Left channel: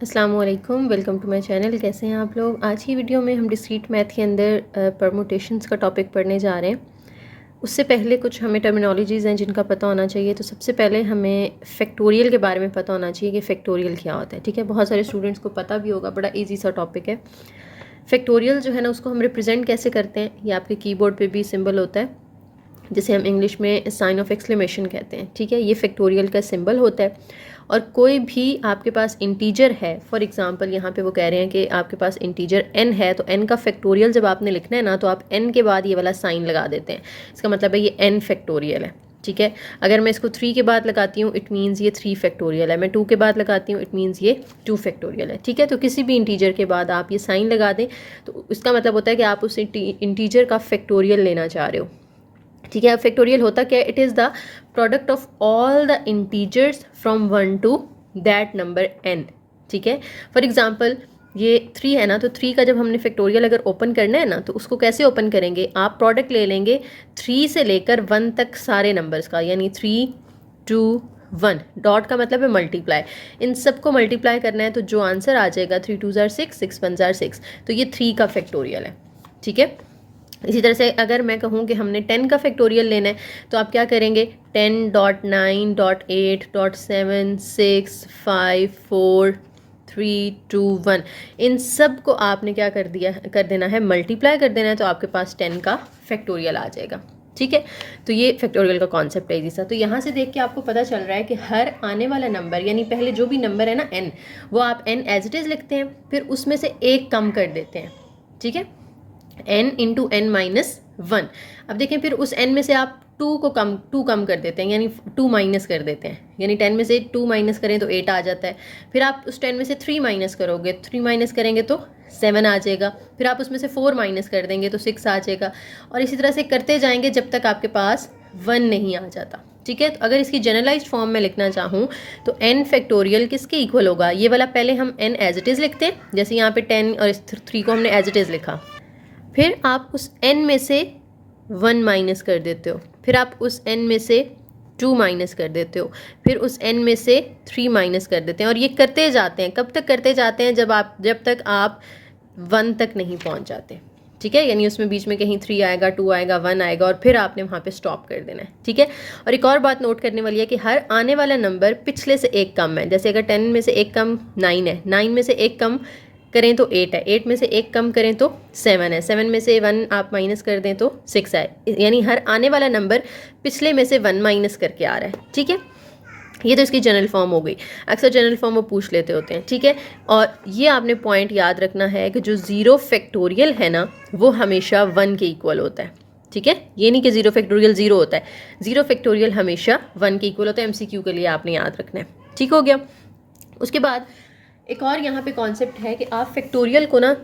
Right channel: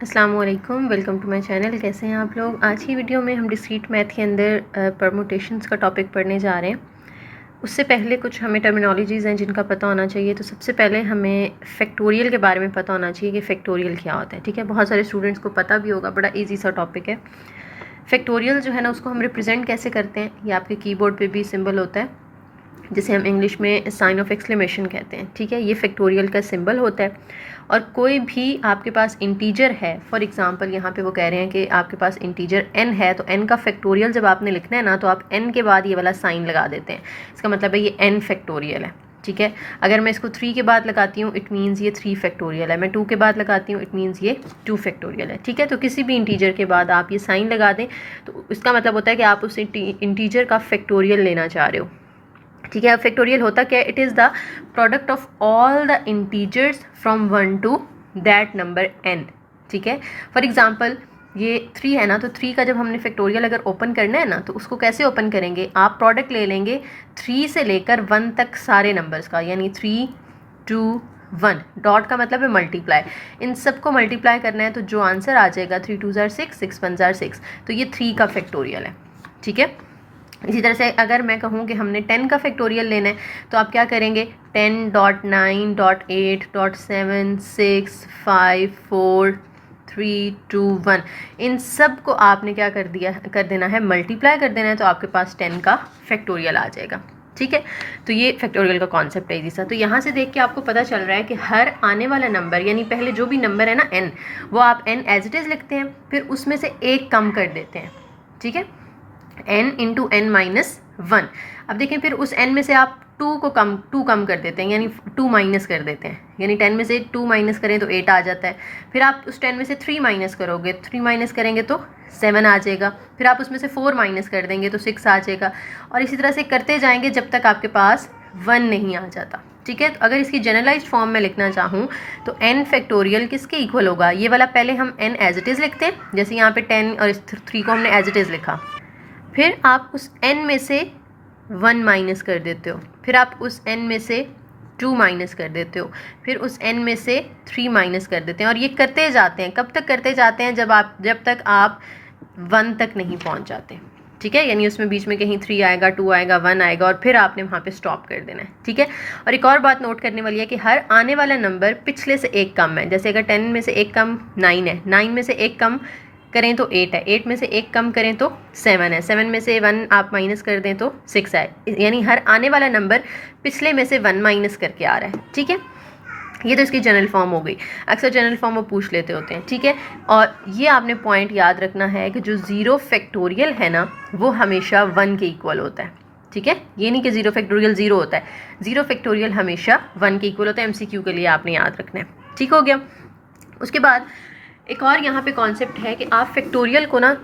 अस्सलाम वालेकुम, welcome to my channel. कैसे हैं आप लोग। आज की वीडियो में हम डिस्क्रीट मैथ के अंदर परमुटेशंस का टॉपिक पढ़ने जा रहे हैं। उससे पहले कुछ हमें टर्मिनोलॉजीज़ हैं जिनका पता होना चाहिए। तो सबसे पहले हमें फैक्टोरियल के बारे में पता होना चाहिए कि फैक्टोरियल क्या होता है। ठीक है, बहुत सारे स्टूडेंट्स को पता भी होगा, बड़ा ईजी सा टॉपिक है। फैक्टोरियल जो है ना, उसको हम रिप्रेजेंट कैसे करते हैं, ये आपके कीबोर्ड पे भी सिंबल होता है, जिसे हम इंग्लिश में साइन ऑफ एक्सक्लेमेशन कहते हैं। ठीक है, ये फैक्टोरियल का सिंबल होता है। और कोई भी आपके पास इंटीजर है, फॉर एग्जांपल यहाँ पे वो कह रहे हैं कि आपके पास इंटीजर n है, तो n का फैक्टोरियल जब आपने लिखना है ना, तो आप n के बाद ये वाला साइन लगा देते हैं। इसका मतलब है ये n फैक्टोरियल है। ठीक है, अगर मैं इसको 3 के बाद लगाती हूँ इट मीन्स ये 3 फैक्टोरियल है, मैं 2 के बाद लगाती हूँ इट मीन्स ये 2 फैक्टोरियल है। ठीक है, तो किसी भी इंटीजर के बाद आप ये साइन लगा दें तो इसका मतलब होता है कि आप उस इंटीजर का फैक्टोरियल लेना चाह रहे हो। ठीक है, अब फैक्टोरियल होता क्या है, it is the product of all the integers from 1 to that number n। ठीक है, फॉर एग्जांपल ये 3 है ना, तो 3 का जब हमने फैक्टोरियल अगर ओपन करना है ना, तो उसको कैसे ओपन करेंगे, आप प्रोडक्ट ले लेंगे 3 से लेकर 1 तक सारे नंबर्स का, यानी 3 2 1। डॉट का मतलब है मल्टीप्लाई, इन सबको मल्टीप्लाई करना है, तो जो आंसर आ जाएगा 3 2 जार 6 6 1 जार 6, तो ये 3 का फैक्टोरियल है। ठीक है, इसी तरह से अगर मैं कहूँ कि हमने 10 का फैक्टोरियल लेना है, तो आप क्या करेंगे, 10.9.8.7 6 5 4 3 2 1, इन सब को आपने क्या कर देना है, मल्टीप्लाई कर देना है, तो आपके पास 10 का फैक्टोरियल आ जाएगा। ठीक है, तो ये फैक्टोरियल का कॉन्सेप्ट है इजी सा। तो यहाँ से देख के आपको पता चल रहा है कि हर आने वाला नंबर, यानी पहले जो भी नंबर है ना n, वो आप n एज इट इज़ लिखते हैं, फिर उसमें से एक कम कर देते हैं। ठीक है, n इंटू n माइनस 1। अब देखें, फिर उस n में से आप 2 कम कर देते हैं, यानी 2 माइनस कर देते हैं, यानी 10 में से 2 माइनस करें तो 8 आ जाता है। फिर आप उस 10 में से 3 माइनस करोगे, 3 माइनस करेंगे तो 7 आ जाएगा। फिर आप उसमें से 4 माइनस कर देंगे तो 6 आ जाएगा, और इसी तरह से करते जाएंगे जब तक आपके पास 1 नहीं आ जाता। ठीक है, तो अगर इसकी जनरलाइज्ड फॉर्म में लिखना चाहूँ तो n फैक्टोरियल किसके इक्वल होगा, ये वाला पहले हम n एज इट इज़ लिखते हैं, जैसे यहाँ पे 10 और इस 3 को हमने एज इट इज़ लिखा, फिर आप उस n में से 1 माइनस कर देते हो, फिर आप उस n में से 2 माइनस कर देते हो, फिर उस n में से 3 माइनस कर देते हैं, और ये करते जाते हैं। कब तक करते जाते हैं, जब तक आप 1 तक नहीं पहुंच जाते। ठीक है, यानी उसमें बीच में कहीं 3 आएगा, 2 आएगा, 1 आएगा, और फिर आपने वहाँ पे स्टॉप कर देना है। ठीक है, और एक और बात नोट करने वाली है कि हर आने वाला नंबर पिछले से एक कम है। जैसे अगर 10 में से एक कम 9 है, 9 में से एक कम करें तो 8 है, 8 में से एक कम करें तो 7 है, 7 में से 1 आप माइनस कर दें तो 6 है, यानी हर आने वाला नंबर पिछले में से 1 माइनस करके आ रहा है। ठीक है, ये तो इसकी जनरल फॉर्म हो गई। अक्सर जनरल फॉर्म वो पूछ लेते होते हैं। ठीक है, और ये आपने पॉइंट याद रखना है कि जो 0 फैक्टोरियल है ना, वो हमेशा 1 के इक्वल होता है। ठीक है, ये नहीं कि 0 फैक्टोरियल 0 होता है, 0 फैक्टोरियल हमेशा 1 के इक्वल होता है। MCQ के लिए आपने याद रखना है। ठीक हो गया। उसके बाद एक और यहाँ पे कॉन्सेप्ट है कि आप फैक्टोरियल को ना,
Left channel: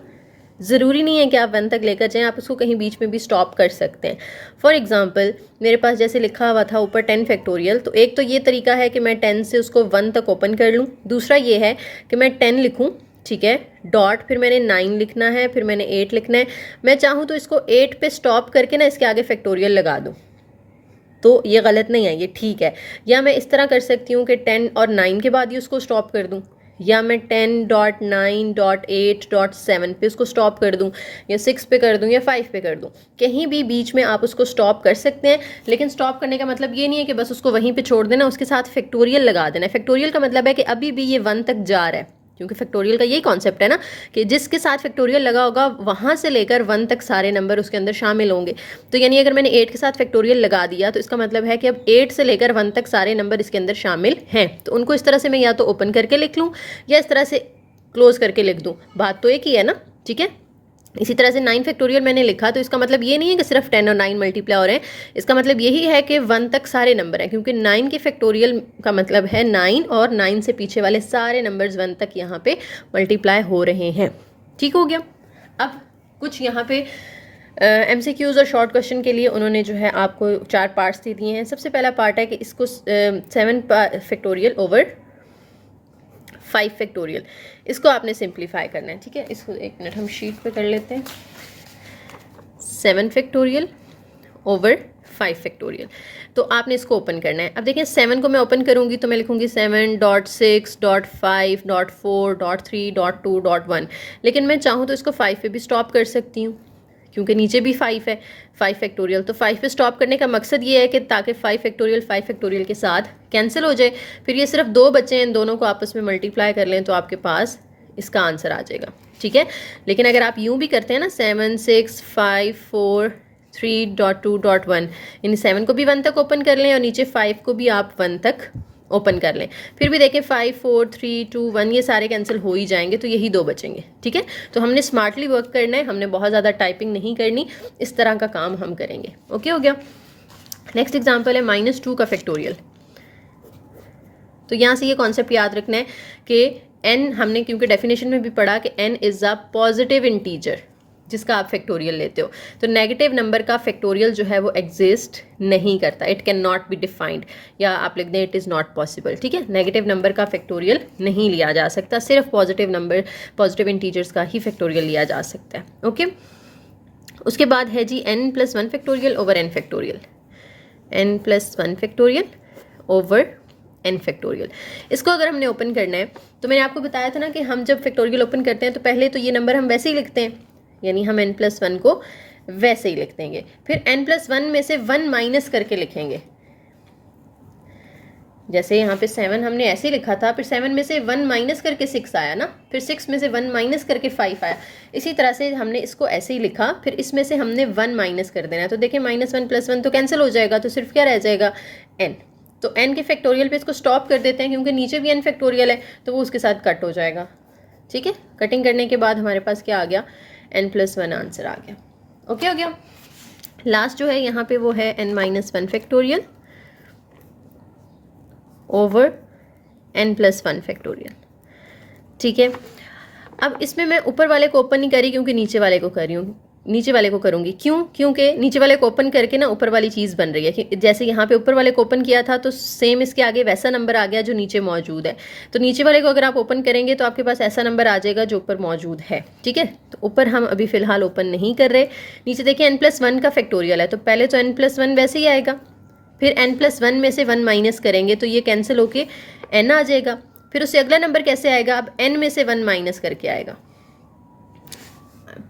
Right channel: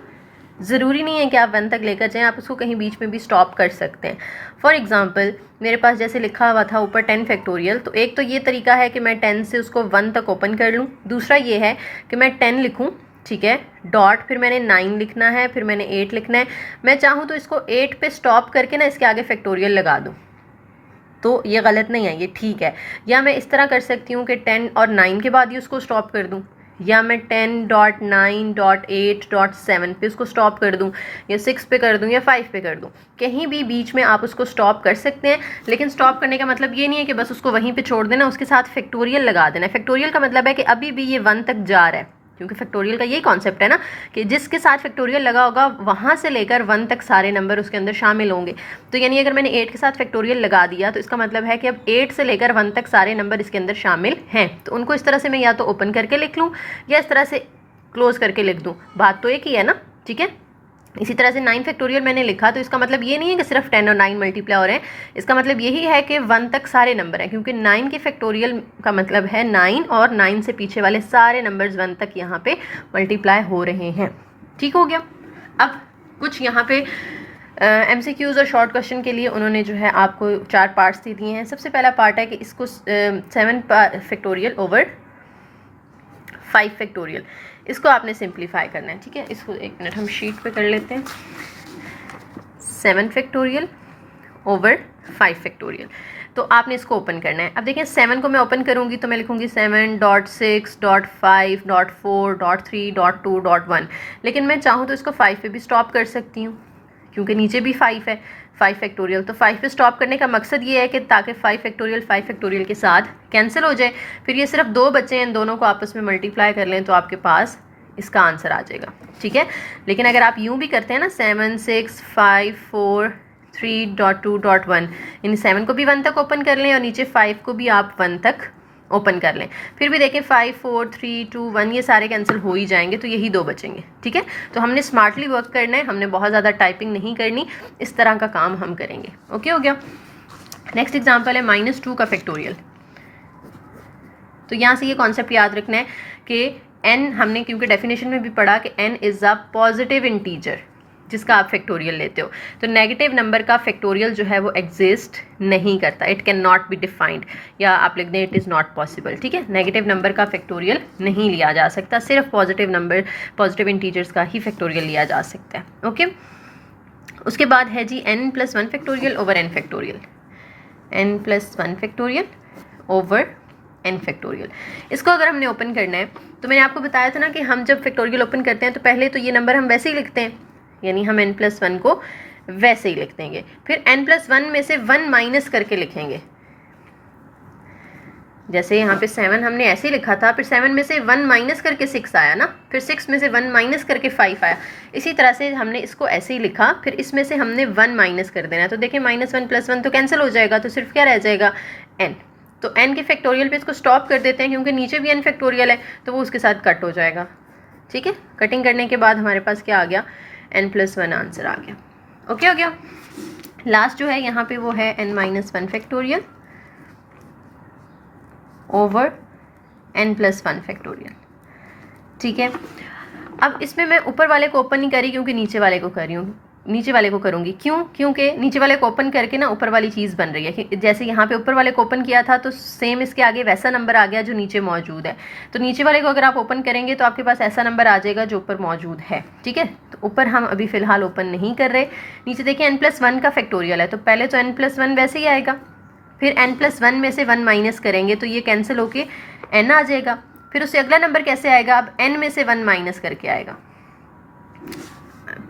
ज़रूरी नहीं है कि आप 1 तक लेकर जाएं, आप उसको कहीं बीच में भी स्टॉप कर सकते हैं। फॉर एग्जांपल मेरे पास जैसे लिखा हुआ था ऊपर 10 फैक्टोरियल, तो एक तो ये तरीका है कि मैं 10 से उसको 1 तक ओपन कर लूँ। दूसरा ये है कि मैं 10 लिखूँ, ठीक है, डॉट, फिर मैंने 9 लिखना है, फिर मैंने 8 लिखना है। मैं चाहूँ तो इसको 8 पे स्टॉप करके ना इसके आगे फैक्टोरियल लगा दूँ, तो ये गलत नहीं है, ये ठीक है। या मैं इस तरह कर सकती हूँ कि 10 और 9 के बाद ही उसको स्टॉप कर दूँ, या मैं 10.9.8.7 पे उसको स्टॉप कर दूँ, या 6 पे कर दूँ, या 5 पे कर दूँ। कहीं भी बीच में आप उसको स्टॉप कर सकते हैं, लेकिन स्टॉप करने का मतलब ये नहीं है कि बस उसको वहीं पे छोड़ देना, उसके साथ फैक्टोरियल लगा देना। फैक्टोरियल का मतलब है कि अभी भी ये 1 तक जा रहा है, क्योंकि फैक्टोरियल का यही कॉन्सेप्ट है ना कि जिसके साथ फैक्टोरियल लगा होगा वहाँ से लेकर 1 तक सारे नंबर उसके अंदर शामिल होंगे। तो यानी अगर मैंने 8 के साथ फैक्टोरियल लगा दिया, तो इसका मतलब है कि अब 8 से लेकर 1 तक सारे नंबर इसके अंदर शामिल हैं। तो उनको इस तरह से मैं या तो ओपन करके लिख लूँ या इस तरह से क्लोज करके लिख दूँ, बात तो एक ही है ना। ठीक है, इसी तरह से 9 फैक्टोरियल मैंने लिखा, तो इसका मतलब ये नहीं है कि सिर्फ 10 और 9 मल्टीप्लाई हो रहे हैं, इसका मतलब यही है कि 1 तक सारे नंबर हैं, क्योंकि 9 के फैक्टोरियल का मतलब है 9 और 9 से पीछे वाले सारे नंबर्स 1 तक यहाँ पे मल्टीप्लाई हो रहे हैं। ठीक हो गया। अब कुछ यहाँ पे MCQs और शॉर्ट क्वेश्चन के लिए उन्होंने जो है आपको 4 पार्ट्स दे दिए हैं। सबसे पहला पार्ट है कि इसको 7 फैक्टोरियल ओवर 5 फैक्टोरियल, इसको आपने सिंप्लीफाई करना है। ठीक है, इसको एक मिनट हम शीट पे कर लेते हैं। 7 फैक्टोरियल ओवर 5 फैक्टोरियल। तो आपने इसको ओपन करना है। अब देखिए 7 को मैं ओपन करूँगी तो मैं लिखूँगी 7.6.5.4.3.2.1, लेकिन मैं चाहूँ तो इसको 5 पे भी स्टॉप कर सकती हूँ क्योंकि नीचे भी 5 है, 5 फैक्टोरियल। तो 5 पे स्टॉप करने का मकसद ये है कि ताकि 5 फैक्टोरियल के साथ कैंसिल हो जाए, फिर ये सिर्फ 2 बचे हैं, इन दोनों को आपस में मल्टीप्लाई कर लें तो आपके पास इसका आंसर आ जाएगा, ठीक है। लेकिन अगर आप यूँ भी करते हैं ना 7 6 5 4 3.2.1, यानी 7 को भी 1 तक ओपन कर लें और नीचे 5 को भी आप 1 तक ओपन कर लें, फिर भी देखें 5 4 3 2 1 ये सारे कैंसिल हो ही जाएंगे, तो यही 2 बचेंगे, ठीक है। तो हमने स्मार्टली वर्क करना है, हमने बहुत ज़्यादा टाइपिंग नहीं करनी, इस तरह का काम हम करेंगे। ओके हो गया। नेक्स्ट एग्जाम्पल है -2 का फैक्टोरियल। तो यहाँ से ये कॉन्सेप्ट याद रखना है कि n हमने क्योंकि डेफिनेशन में भी पढ़ा कि n is a positive integer जिसका आप फैक्टोरियल लेते हो, तो नेगेटिव नंबर का फैक्टोरियल जो है वो एग्जिस्ट नहीं करता, it can not be defined, या आप लिख दें इट इज़ नॉट पॉसिबल, ठीक है। नेगेटिव नंबर का फैक्टोरियल नहीं लिया जा सकता, सिर्फ पॉजिटिव नंबर, पॉजिटिव इंटीजर्स का ही फैक्टोरियल लिया जा सकता है। ओके उसके बाद है जी n+1 factorial over n factorial, n+1 factorial over n factorial. इसको अगर हमने ओपन करना है तो मैंने आपको बताया था ना कि हम जब फैक्टोरियल ओपन करते हैं तो पहले तो ये नंबर हम वैसे ही लिखते हैं, यानी हम n+1 को वैसे ही लिख देंगे, फिर n+1 में से 1 माइनस करके लिखेंगे। जैसे यहाँ पे 7 हमने ऐसे ही लिखा था, फिर 7 में से 1 माइनस करके 6 आया ना, फिर 6 में से 1 माइनस करके 5 आया, इसी तरह से हमने इसको ऐसे ही लिखा, फिर इसमें से हमने 1 माइनस कर देना है। तो देखिए -1 + 1 तो कैंसिल हो जाएगा, तो सिर्फ क्या रह जाएगा n। तो n के फैक्टोरियल पे इसको स्टॉप कर देते हैं क्योंकि नीचे भी n फैक्टोरियल है, तो वो उसके साथ कट हो जाएगा, ठीक है। कटिंग करने के बाद हमारे पास क्या आ गया, n+1 आंसर आ गया। ओके हो गया। लास्ट जो है यहाँ पे वो है n-1 factorial over n+1 factorial, ठीक है। अब इसमें मैं ऊपर वाले को ओपन नहीं करी क्योंकि नीचे वाले को कर रही हूँ, नीचे वाले को करूँगी क्यों, क्योंकि नीचे वाले को ओपन करके ना ऊपर वाली चीज़ बन रही है। जैसे यहाँ पे ऊपर वाले को ओपन किया था तो सेम इसके आगे वैसा नंबर आ गया जो नीचे मौजूद है, तो नीचे वाले को अगर आप ओपन करेंगे तो आपके पास ऐसा नंबर आ जाएगा जो ऊपर मौजूद है, ठीक है। तो ऊपर हम अभी फ़िलहाल ओपन नहीं कर रहे। नीचे देखिए n+1 का फैक्टोरियल है, तो पहले तो n+1 वैसे ही आएगा, फिर n+1 में से 1 माइनस करेंगे तो ये कैंसिल होके n आ जाएगा, फिर उससे अगला नंबर कैसे आएगा, अब n में से 1 माइनस करके आएगा।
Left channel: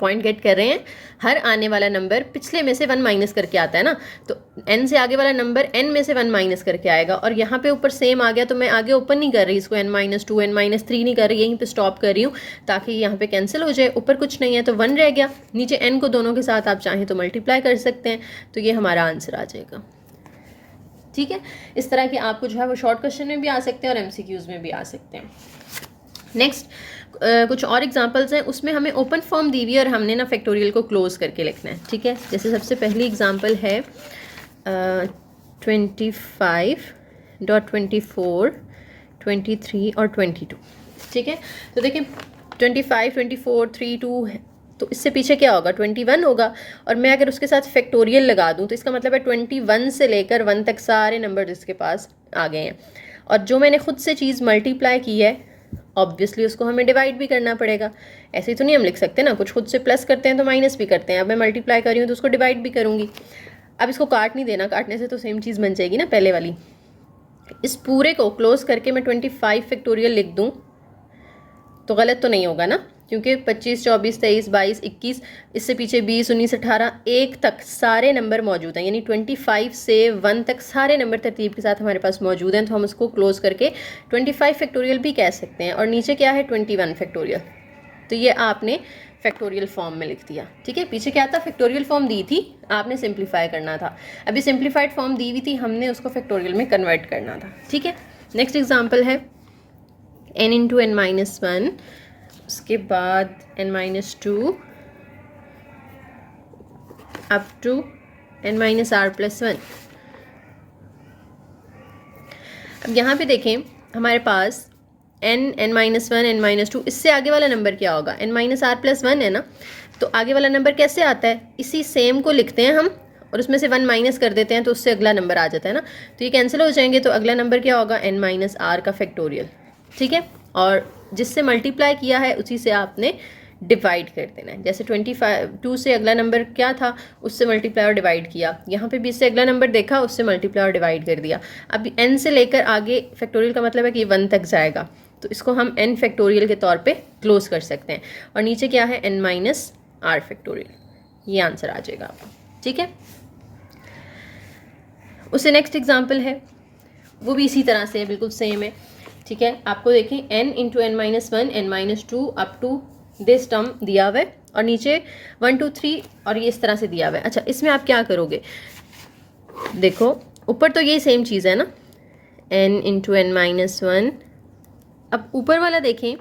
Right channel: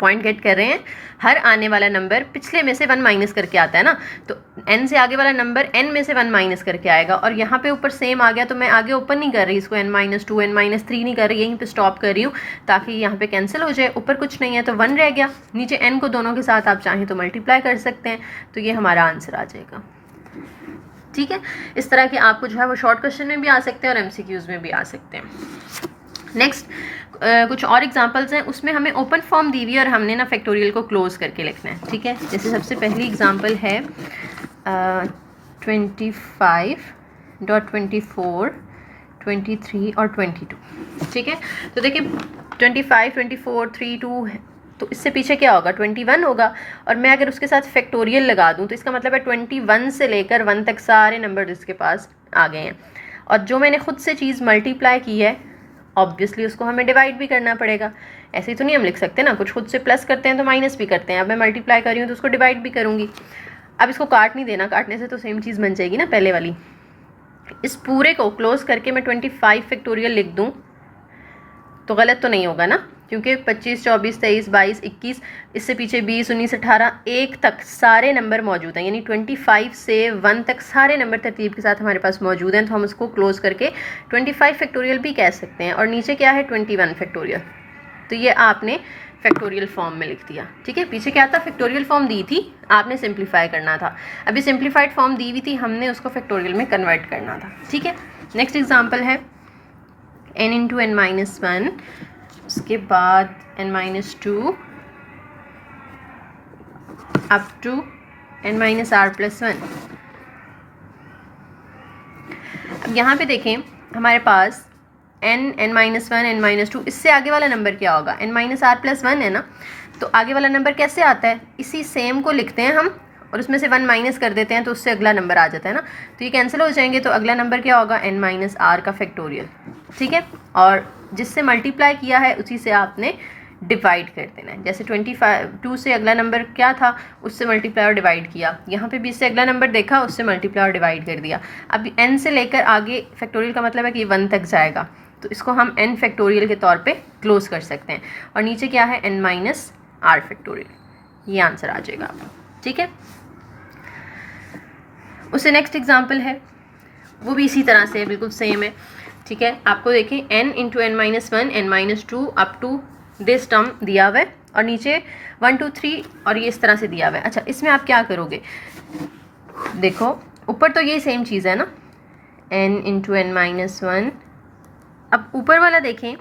पॉइंट गेट कर रहे हैं, हर आने वाला नंबर पिछले में से 1 माइनस करके आता है ना, तो n से आगे वाला नंबर n में से 1 माइनस करके आएगा। और यहाँ पे ऊपर सेम आ गया, तो मैं आगे ओपन नहीं कर रही इसको, n-2 n-3 नहीं कर रही, यहीं पे स्टॉप कर रही हूँ ताकि यहाँ पे कैंसिल हो जाए। ऊपर कुछ नहीं है तो 1 रह गया, नीचे n को दोनों के साथ आप चाहें तो मल्टीप्लाई कर सकते हैं, तो ये हमारा आंसर आ जाएगा, ठीक है। इस तरह के आपको जो है वो शॉर्ट क्वेश्चन में भी आ सकते हैं और MCQs में भी आ सकते हैं। नेक्स्ट कुछ और एग्जांपल्स हैं, उसमें हमें ओपन फॉर्म दी हुई है और हमने ना फैक्टोरियल को क्लोज करके लिखना है, ठीक है। जैसे सबसे पहली एग्जांपल है 25.24 23 और 22, ठीक है। तो देखिए 25 24 32 है, तो इससे पीछे क्या होगा 21 होगा, और मैं अगर उसके साथ फैक्टोरियल लगा दूं तो इसका मतलब है 21 से लेकर 1 तक सारे नंबर इसके पास आ गए हैं। और जो मैंने खुद से चीज़ मल्टीप्लाई की है ऑब्वियसली उसको हमें डिवाइड भी करना पड़ेगा, ऐसे ही तो नहीं हम लिख सकते ना, कुछ खुद से प्लस करते हैं तो माइनस भी करते हैं। अब मैं मल्टीप्लाई कर रही हूँ तो उसको डिवाइड भी करूँगी। अब इसको काट नहीं देना, काटने से तो सेम चीज़ बन जाएगी ना पहले वाली। इस पूरे को क्लोज करके मैं 25 फैक्टोरियल लिख दूँ तो गलत तो नहीं होगा ना, क्योंकि 25 24 23 22 21 इससे पीछे 20 19 18 1 तक सारे नंबर मौजूद हैं, यानी 25 से 1 तक सारे नंबर तरतीब के साथ हमारे पास मौजूद हैं, तो हम उसको क्लोज करके 25 फैक्टोरियल भी कह सकते हैं। और नीचे क्या है 21 फैक्टोरियल, तो ये आपने फैक्टोरियल फॉर्म में लिख दिया, ठीक है। पीछे क्या था फैक्टोरियल फॉर्म दी थी, आपने सिंप्लीफाई करना था। अभी सिंप्लीफाइड फॉर्म दी हुई थी, हमने उसको फैक्टोरियल में कन्वर्ट करना था, ठीक है। नेक्स्ट एग्जाम्पल है n × n-1, उसके बाद n-2 अप टू n-r+1। अब यहाँ पे देखें हमारे पास n-1 n-2, इससे आगे वाला नंबर क्या होगा n-r+1 है ना, तो आगे वाला नंबर कैसे आता है, इसी सेम को लिखते हैं हम और उसमें से 1 माइनस कर देते हैं तो उससे अगला नंबर आ जाता है ना, तो ये कैंसिल हो जाएंगे, तो अगला नंबर क्या होगा n-r का फैक्टोरियल, ठीक है। और जिससे मल्टीप्लाई किया है उसी से आपने डिवाइड कर देना है। जैसे 2 से अगला नंबर क्या था, उससे मल्टीप्लाई और डिवाइड किया, यहाँ पे भी इससे अगला नंबर देखा, उससे मल्टीप्लाई और डिवाइड कर दिया। अब n से लेकर आगे फैक्टोरियल का मतलब है कि 1 तक जाएगा, तो इसको हम n फैक्टोरियल के तौर पे क्लोज कर सकते हैं। और नीचे क्या है, n माइनस r फैक्टोरियल, ये आंसर आ जाएगा आपका। ठीक है, उससे नेक्स्ट एग्जाम्पल है, वो भी इसी तरह से है, बिल्कुल सेम है। ठीक है, आपको देखें n into n minus 1 n minus 2 up to this term दिया हुआ है, और नीचे 1 2 3 और ये इस तरह से दिया हुआ है। अच्छा, इसमें आप क्या करोगे, देखो ऊपर तो यही सेम चीज़ है ना, n इंटू n माइनस 1, अब ऊपर वाला देखें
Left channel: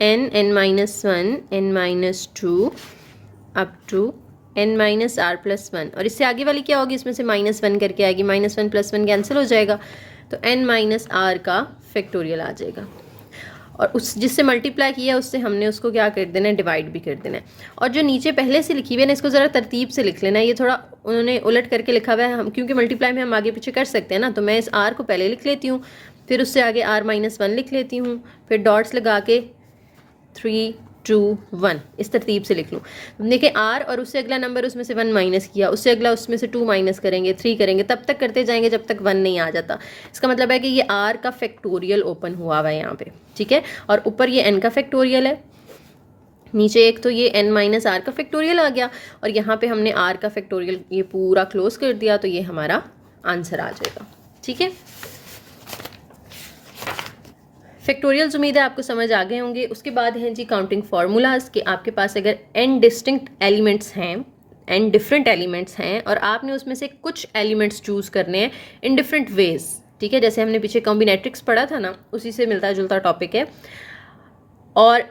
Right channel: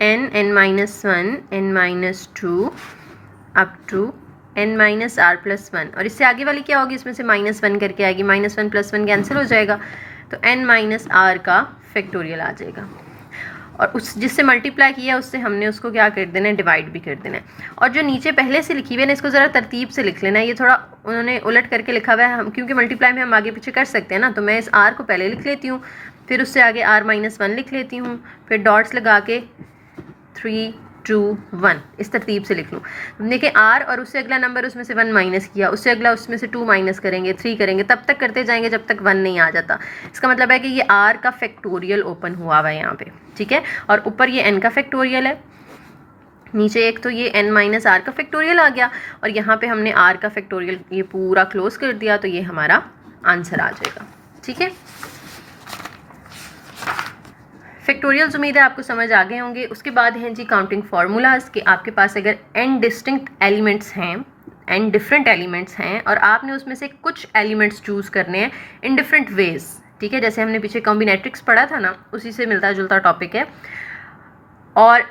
n minus 1 n minus 2 up to n minus r plus 1, और इससे आगे वाली क्या होगी, इसमें से -1 करके आएगी, -1 प्लस 1 कैंसिल हो जाएगा, तो n माइनस r का फैक्टोरियल आ जाएगा। और उस जिससे मल्टीप्लाई किया उससे हमने उसको क्या कर देना है, डिवाइड भी कर देना है। और जो नीचे पहले से लिखी हुई है ना, इसको ज़रा तरतीब से लिख लेना है, ये थोड़ा उन्होंने उलट करके लिखा हुआ है, हम क्योंकि मल्टीप्लाई में हम आगे पीछे कर सकते हैं ना, तो मैं इस r को पहले लिख लेती हूँ, फिर उससे आगे r माइनस 1 लिख लेती हूँ, फिर डॉट्स लगा के 3 2 1 इस तरतीब से लिख लूँ। देखिए r और उससे अगला नंबर, उसमें से 1 माइनस किया, उससे अगला उसमें से 2 माइनस करेंगे, 3 करेंगे, तब तक करते जाएंगे जब तक 1 नहीं आ जाता। इसका मतलब है कि ये r का फैक्टोरियल ओपन हुआ हुआ है यहाँ पे। ठीक है, और ऊपर ये n का फैक्टोरियल है, नीचे एक तो ये n माइनस r का फैक्टोरियल आ गया, और यहाँ पे हमने r का फैक्टोरियल ये पूरा क्लोज कर दिया, तो ये हमारा आंसर आ जाएगा। ठीक है, फैक्टोरियल्स उम्मीद है आपको समझ आ गए होंगे। उसके बाद हैं जी काउंटिंग फार्मूलाज, कि आपके पास अगर n डिस्टिंक्ट एलिमेंट्स हैं, n डिफरेंट एलिमेंट्स हैं, और आपने उसमें से कुछ एलिमेंट्स चूज़ करने हैं इन डिफरेंट वेज। ठीक है, जैसे हमने पीछे कॉम्बिनेट्रिक्स पढ़ा था ना, उसी से मिलता जुलता टॉपिक है, और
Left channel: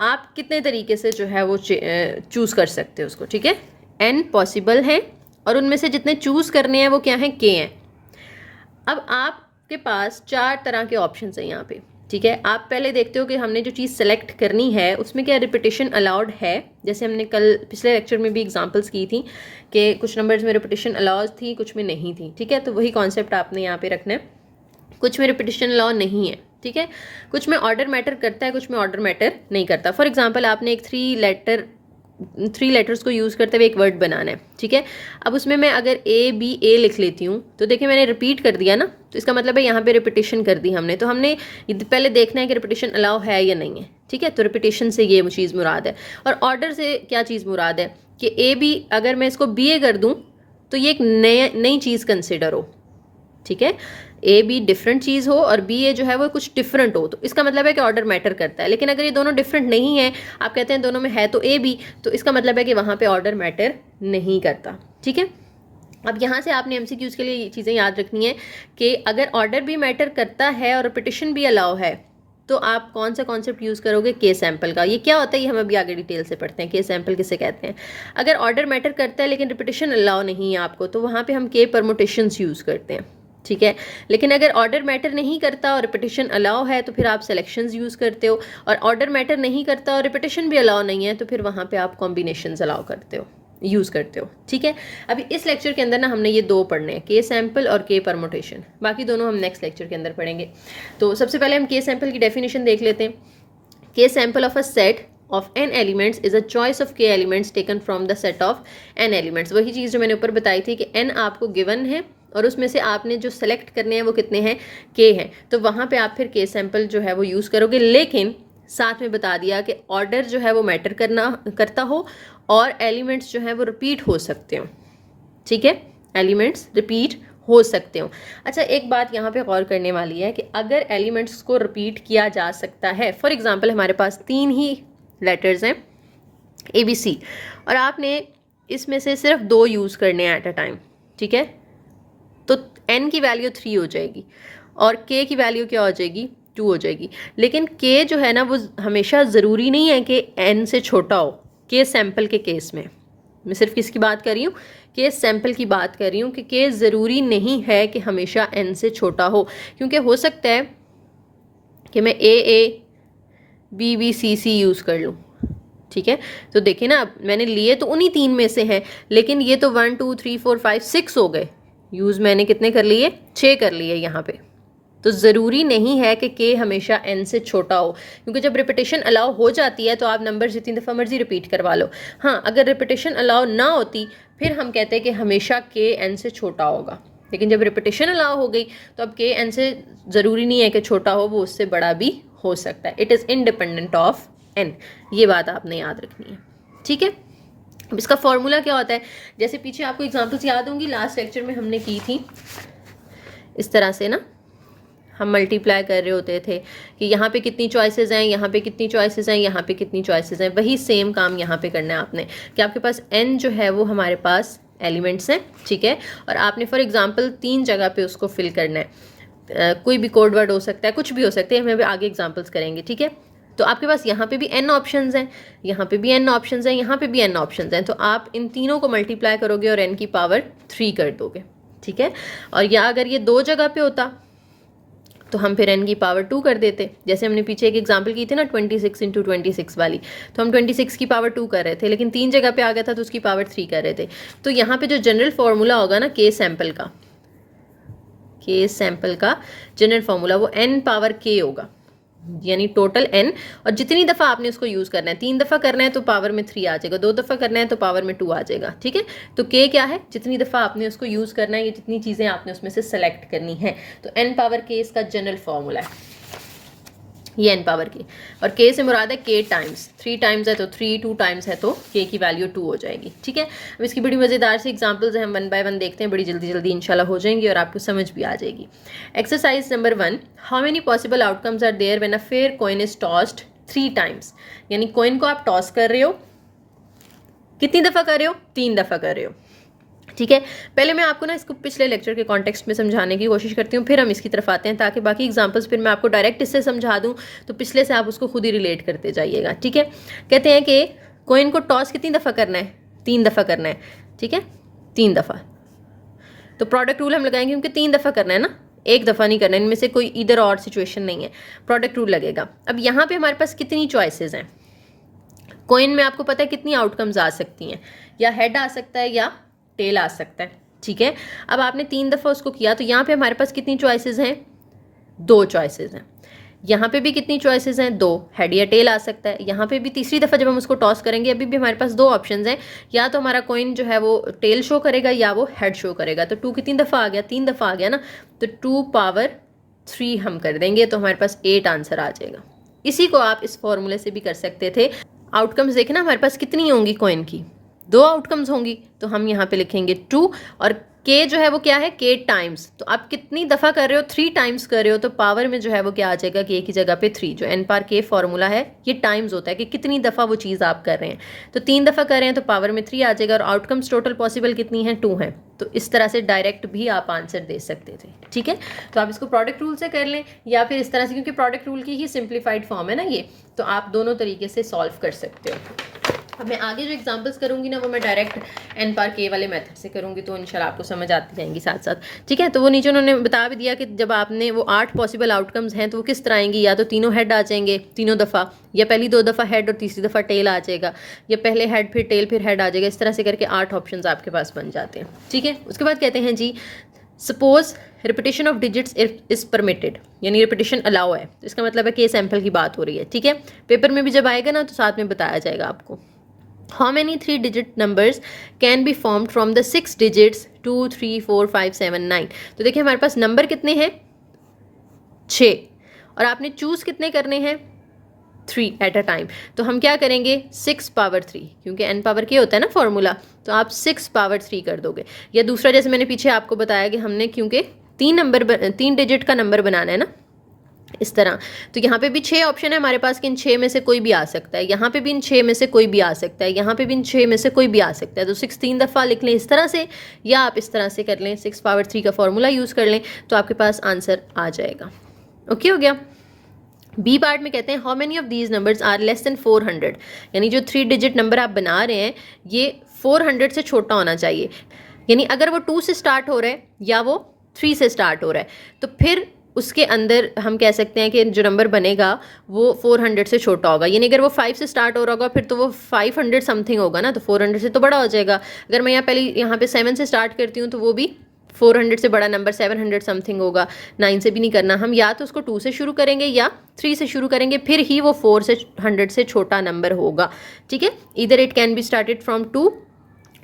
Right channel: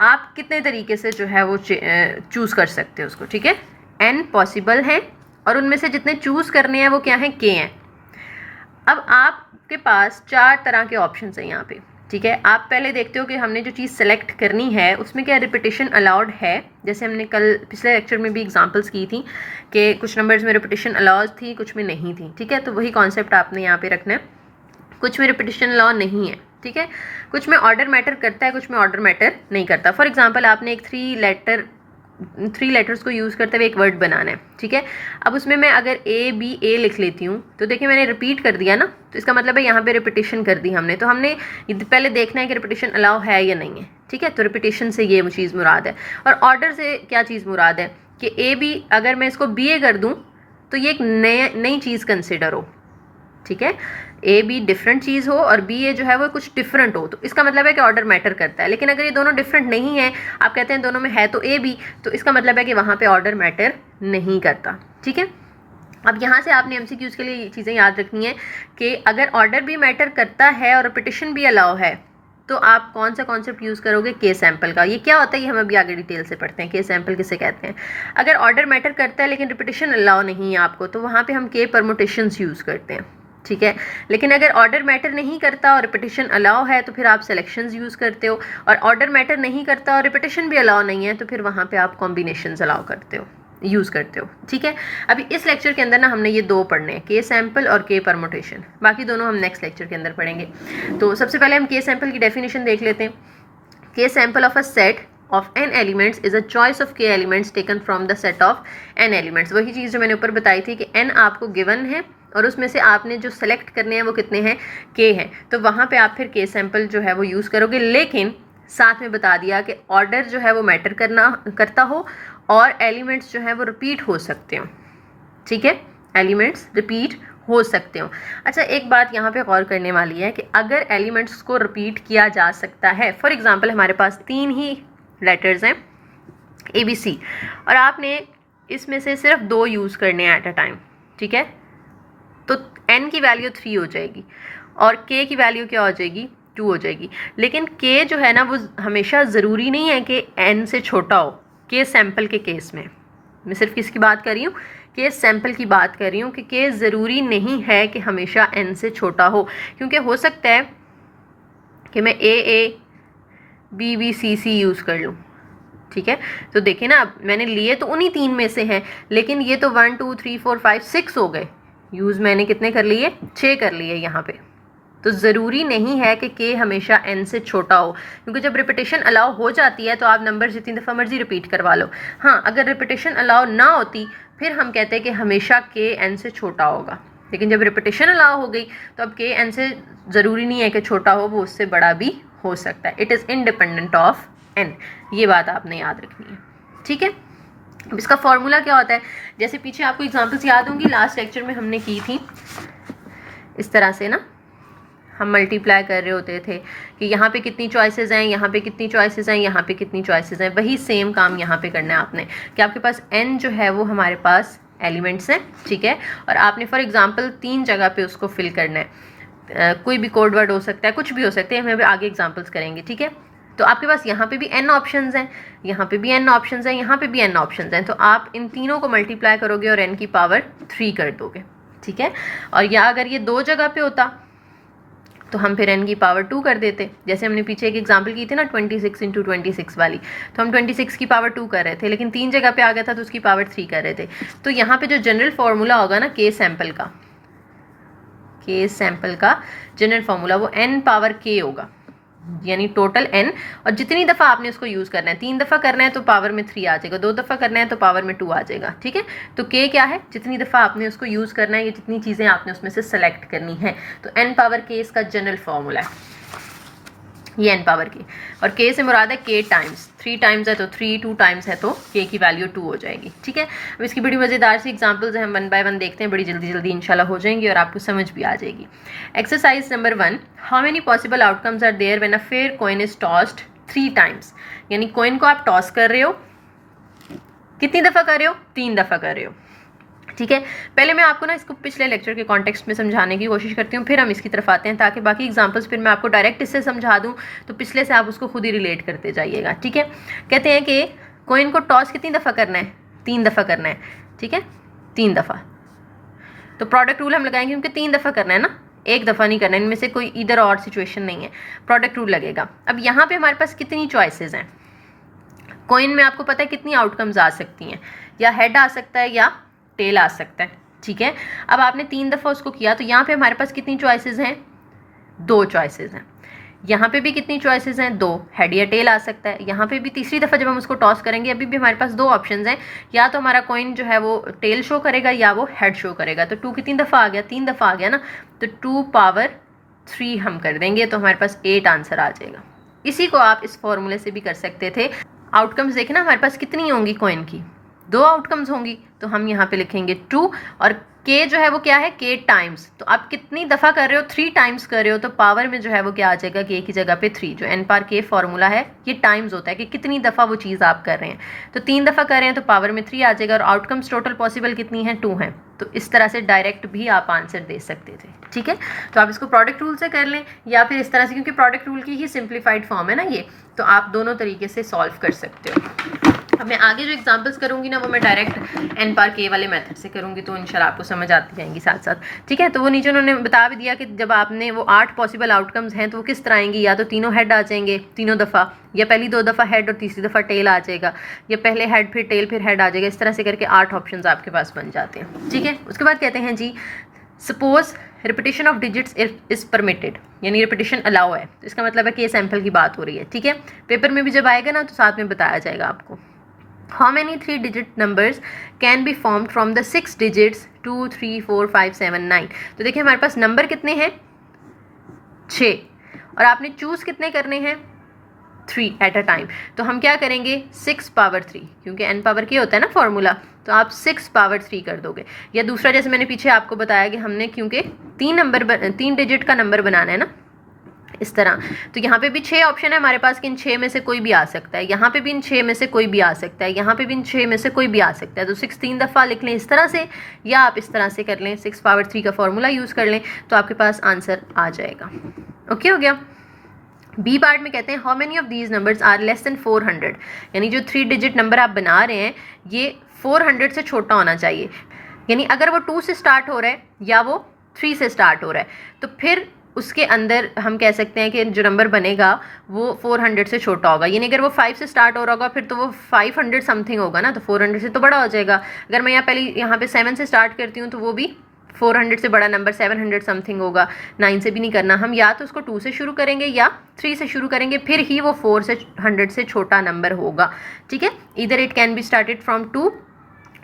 आप कितने तरीके से जो है वो चूज़ कर सकते हो उसको। ठीक है, n पॉसिबल हैं, और उनमें से जितने चूज़ करने हैं वो क्या हैं, k हैं। अब आपके पास 4 तरह के ऑप्शन हैं यहाँ पे। ठीक है, आप पहले देखते हो कि हमने जो चीज़ सेलेक्ट करनी है उसमें क्या रिपीटिशन अलाउड है। जैसे हमने कल पिछले लेक्चर में भी एग्जांपल्स की थी कि कुछ नंबर्स में रिपीटिशन अलाउड थी, कुछ में नहीं थी। ठीक है, तो वही कॉन्सेप्ट आपने यहाँ पे रखना है, कुछ में रिपीटिशन अलाउ नहीं है। ठीक है, कुछ में ऑर्डर मैटर करता है, कुछ में ऑर्डर मैटर नहीं करता। फॉर एग्जाम्पल, आपने एक 3 लेटर्स को यूज़ करते हुए एक वर्ड बनाना है। ठीक है, अब उसमें मैं अगर A लिख लेती हूँ, तो देखिए मैंने रिपीट कर दिया ना, तो इसका मतलब है यहाँ पे रिपीटिशन कर दी हमने। तो हमने पहले देखना है कि रिपीटिशन अलाउ है या नहीं है। ठीक है, तो रिपीटिशन से ये वो चीज़ मुराद है, और ऑर्डर से क्या चीज़ मुराद है कि A अगर मैं इसको BA कर दूँ तो ये एक नई चीज़ कंसिडर हो। ठीक है, A डिफरेंट चीज़ हो और BA जो है वो कुछ डिफरेंट हो, तो इसका मतलब है कि ऑर्डर मैटर करता है। लेकिन अगर ये दोनों डिफरेंट नहीं है, आप कहते हैं दोनों में है तो AB, तो इसका मतलब है कि वहाँ पे ऑर्डर मैटर नहीं करता। ठीक है, अब यहाँ से आपने MCQs के लिए ये चीज़ें याद रखनी है कि अगर ऑर्डर भी मैटर करता है और रिपीटिशन भी अलाउ है, तो आप कौन सा कॉन्सेप्ट यूज़ करोगे, के सैम्पल का। ये क्या होता है, ये हम अभी आगे डिटेल से पढ़ते हैं, के सैम्पल किसे कहते हैं। अगर ऑर्डर मैटर करता है लेकिन रिपीटिशन अलाउ नहीं है आपको, तो वहाँ पर हम के परमुटेशंस यूज़ करते हैं। ठीक है, लेकिन अगर ऑर्डर मैटर नहीं करता और रिपीटिशन अलाउ है तो फिर आप सिलेक्शंस यूज़ करते हो, और ऑर्डर मैटर नहीं करता और रिपीटिशन भी अलाउ नहीं है तो फिर वहाँ पे आप कॉम्बिनेशंस अलाउ करते हो, यूज़ करते हो। ठीक है, अभी इस लेक्चर के अंदर ना हमने ये 2 पढ़ने हैं, के सैम्पल और के परमुटेशन, बाकी दोनों हम नेक्स्ट लेक्चर के अंदर पढ़ेंगे। तो सबसे पहले हम के सैम्पल की डेफिनेशन देख लेते हैं। के sample of a set of n elements is a choice of k elements taken from the set of n elements। वही चीज़ जो मैंने ऊपर बताई थी कि n आपको गिवन है और उसमें से आपने जो सेलेक्ट करने हैं वो कितने हैं, k हैं, तो वहाँ पे आप फिर k सैम्पल जो है वो यूज़ करोगे। लेकिन साथ में बता दिया कि ऑर्डर जो है वो मैटर करता हो और एलिमेंट्स जो है वो रिपीट हो सकते हो। ठीक है, एलिमेंट्स रिपीट हो सकते हो। अच्छा, एक बात यहाँ पे गौर करने वाली है कि अगर एलिमेंट्स को रिपीट किया जा सकता है, फॉर एग्जांपल हमारे पास 3 ही लेटर्स हैं ABC, और आपने इसमें से सिर्फ 2 यूज़ करने हैं एट अ टाइम। ठीक है, तो n की वैल्यू 3 हो जाएगी और k की वैल्यू क्या हो जाएगी, 2 हो जाएगी। लेकिन k जो है ना वो हमेशा ज़रूरी नहीं है कि n से छोटा हो। k सैम्पल के केस में मैं सिर्फ किसकी बात कर रही हूँ, k सैम्पल की बात कर रही हूँ कि k ज़रूरी नहीं है कि हमेशा n से छोटा हो, क्योंकि हो सकता है कि मैं A B C यूज़ कर लूँ। ठीक है, तो देखिए ना, मैंने लिए तो उन्हीं 3 में से हैं, लेकिन ये तो 1 2 3 4 5 6 हो गए, यूज़ मैंने कितने कर लिए, 6 कर लिए यहाँ पे। तो ज़रूरी नहीं है कि k हमेशा n से छोटा हो, क्योंकि जब रिपीटेशन अलाउ हो जाती है तो आप नंबर जितनी दफ़ा मर्जी रिपीट करवा लो। हाँ, अगर रिपीटेशन अलाउ ना होती फिर हम कहते हैं कि हमेशा k n से छोटा होगा, लेकिन जब रिपीटेशन अलाउ हो गई तो अब k n से ज़रूरी नहीं है कि छोटा हो, वो उससे बड़ा भी हो सकता है। It is independent of n, ये बात आपने याद रखनी है, ठीक है। अब इसका फॉर्मूला क्या होता है, जैसे पीछे आपको एग्जांपल्स याद होंगी, लास्ट लेक्चर में हमने की थी इस तरह से ना, हम मल्टीप्लाई कर रहे होते थे कि यहाँ पे कितनी चॉइसेस हैं, यहाँ पे कितनी चॉइसेस हैं, यहाँ पे कितनी चॉइसेस हैं। वही सेम काम यहाँ पे करना है आपने कि आपके पास n जो है वो हमारे पास एलिमेंट्स हैं, ठीक है, और आपने फॉर एग्जांपल 3 जगह पे उसको फिल करना है। कोई भी कोड वर्ड हो सकता है, कुछ भी हो सकता है, हम अभी आगे एग्जांपल्स करेंगे, ठीक है। तो आपके पास यहाँ पे भी n ऑप्शंस हैं, यहाँ पे भी n ऑप्शंस हैं, यहाँ पे भी n ऑप्शंस हैं, तो आप इन तीनों को मल्टीप्लाई करोगे और n की पावर 3 कर दोगे, ठीक है। और या अगर ये 2 जगह पे होता तो हम फिर n की पावर 2 कर देते, जैसे हमने पीछे एक एग्जांपल की थी ना 26 × 26 वाली, तो हम 26 की पावर 2 कर रहे थे, लेकिन 3 जगह पे आ गया था तो उसकी पावर 3 कर रहे थे। तो यहाँ पे जो जनरल फार्मूला होगा ना k सैंपल का जनरल फार्मूला वो n पावर k होगा, यानी टोटल n, और जितनी दफ़ा आपने उसको यूज़ करना है, 3 दफ़ा करना है तो पावर में 3 आ जाएगा, 2 दफ़ा करना है तो पावर में 2 आ जाएगा, ठीक है। तो k क्या है, जितनी दफ़ा आपने उसको यूज़ करना है, ये जितनी चीज़ें आपने उसमें से सेलेक्ट करनी है, तो n पावर k इसका जनरल फार्मूला है, ये n पावर k, और k से मुराद है k टाइम्स, 3 टाइम्स है तो 3, 2 टाइम्स है तो k की वैल्यू 2 हो जाएगी, ठीक है। अब इसकी बड़ी मज़ेदार सी एग्जांपल्स हैं, हम 1 बाय 1 देखते हैं, बड़ी जल्दी जल्दी इंशाल्लाह हो जाएंगी और आपको समझ भी आ जाएगी। Exercise number 1, how many possible outcomes are there when a fair coin is tossed 3 times, यानी कॉइन को आप टॉस कर रहे हो, कितनी दफ़ा कर रहे हो, 3 दफ़ा कर रहे हो, ठीक है। पहले मैं आपको ना इसको पिछले लेक्चर के कॉन्टेक्स्ट में समझाने की कोशिश करती हूँ, फिर हम इसकी तरफ आते हैं, ताकि बाकी एग्जांपल्स फिर मैं आपको डायरेक्ट इससे समझा दूँ तो पिछले से आप उसको खुद ही रिलेट करते जाइएगा, ठीक है। कहते हैं कि कॉइन को टॉस कितनी दफ़ा करना है, 3 दफ़ा करना है, ठीक है, 3 दफ़ा। तो प्रोडक्ट रूल हम लगाएंगे क्योंकि 3 दफ़ा करना है ना, 1 दफ़ा नहीं करना है, इनमें से कोई इधर और सिचुएशन नहीं है, प्रोडक्ट रूल लगेगा। अब यहाँ पर हमारे पास कितनी चॉइसेस हैं, कॉइन में आपको पता है कितनी आउटकम्स आ सकती हैं, या हेड आ सकता है या टेल आ सकता है, ठीक है। अब आपने 3 दफ़ा उसको किया तो यहाँ पे हमारे पास कितनी चॉइसेस हैं, 2 चॉइसेस हैं। यहाँ पे भी कितनी चॉइसेस हैं, 2, हेड या टेल आ सकता है। यहाँ पे भी तीसरी दफ़ा जब हम उसको टॉस करेंगे अभी भी हमारे पास 2 ऑप्शंस हैं, या तो हमारा कॉइन जो है वो टेल शो करेगा या वो हेड शो करेगा। तो 2 कितनी दफ़ा आ गया, 3 दफ़ा आ गया ना, तो 2 पावर 3 हम कर देंगे तो हमारे पास 8 आंसर आ जाएगा। इसी को आप इस फॉर्मूले से भी कर सकते थे। आउटकम्स देखें ना, हमारे पास कितनी होंगी कॉइन की, 2 आउटकम्स होंगी, तो हम यहाँ पे लिखेंगे 2, और k जो है वो क्या है, k टाइम्स, तो आप कितनी दफ़ा कर रहे हो, 3 टाइम्स कर रहे हो, तो पावर में जो है वो क्या आ जाएगा, k की जगह पे 3, जो n पावर k फार्मूला है ये टाइम्स होता है कि कितनी दफ़ा वो चीज़ आप कर रहे हैं। तो 3 दफ़ा कर रहे हैं तो पावर में 3 आ जाएगा, और आउटकम्स टोटल पॉसिबल कितनी है, 2 हैं। तो इस तरह से डायरेक्ट भी आप आंसर दे सकते थे, ठीक है। तो आप इसको प्रोडक्ट रूल से कर लें या फिर इस तरह से, क्योंकि प्रोडक्ट रूल की ही सिंप्लीफाइड फॉर्म है ना ये, तो आप दोनों तरीके से सॉल्व कर सकते हो। अब मैं आगे जो एग्जांपल्स करूंगी ना वो मैं डायरेक्ट n पावर k वाले मेथड से करूंगी, तो इंशाल्लाह आपको समझ आती जाएंगी साथ साथ, ठीक है। तो वो नीचे उन्होंने बता भी दिया कि जब आपने वो 8 पॉसिबल आउटकम्स हैं तो वो किस तरह आएंगी, या तो तीनों हेड आ जाएंगे तीनों दफ़ा, या पहली 2 दफ़ा हेड और तीसरी दफ़ा टेल आ जाएगा, या पहले हेड फिर टेल फिर हेड आ जाएगा। इस तरह से करके 8 ऑप्शन आपके पास बन जाते हैं, ठीक है। उसके बाद कहते हैं जी, suppose repetition of digits is permitted, यानी रिपीटेशन अलाउ है, तो इसका मतलब है कि सैंपल की बात हो रही है, ठीक है। पेपर में भी जब आएगा ना तो साथ में बताया जाएगा आपको। How many 3-digit numbers can be formed from the 6 digits 2, 3, 4, 5, 7, 9? तो देखिए हमारे पास नंबर कितने हैं, 6, और आपने चूज़ कितने करने हैं, 3 एट अ टाइम। तो हम क्या करेंगे, 6 पावर 3, क्योंकि n पावर k होता है ना फॉर्मूला, तो आप 6 पावर 3 कर दोगे। या दूसरा, जैसे मैंने पीछे आपको बताया कि हमने क्योंकि 3 डिजिट का नंबर बनाना है ना, इस तरह, तो यहाँ पे भी 6 ऑप्शन है हमारे पास कि इन 6 में से कोई भी आ सकता है, यहाँ पे भी इन 6 में से कोई भी आ सकता है, यहाँ पे भी इन 6 में से कोई भी आ सकता है। तो 6 3 दफ़ा लिख लें इस तरह से, या आप इस तरह से कर लें, 6 पावर 3 का फॉर्मूला यूज़ कर लें, तो आपके पास आंसर आ जाएगा। ओके, हो गया। बी पार्ट में कहते हैं how many of these numbers are less than 400, यानी जो 3 डिजिट नंबर आप बना रहे हैं ये 400 से छोटा होना चाहिए, यानी अगर वो 2 से स्टार्ट हो रहा है या वो 3 से स्टार्ट हो रहा है, तो फिर उसके अंदर हम कह सकते हैं कि जो नंबर बनेगा वो 400 से छोटा होगा। यानी अगर वो 5 से स्टार्ट हो रहा होगा फिर तो वो 500 समथिंग होगा ना, तो 400 से तो बड़ा हो जाएगा। अगर मैं यहाँ पहले यहाँ पे 7 से स्टार्ट करती हूँ तो वो भी 400 से बड़ा नंबर 700 समथिंग होगा, 9 से भी नहीं करना, हम या तो उसको 2 से शुरू करेंगे या 3 से शुरू करेंगे, फिर ही वो 400 से छोटा नंबर होगा, ठीक है। इधर it can be started from 2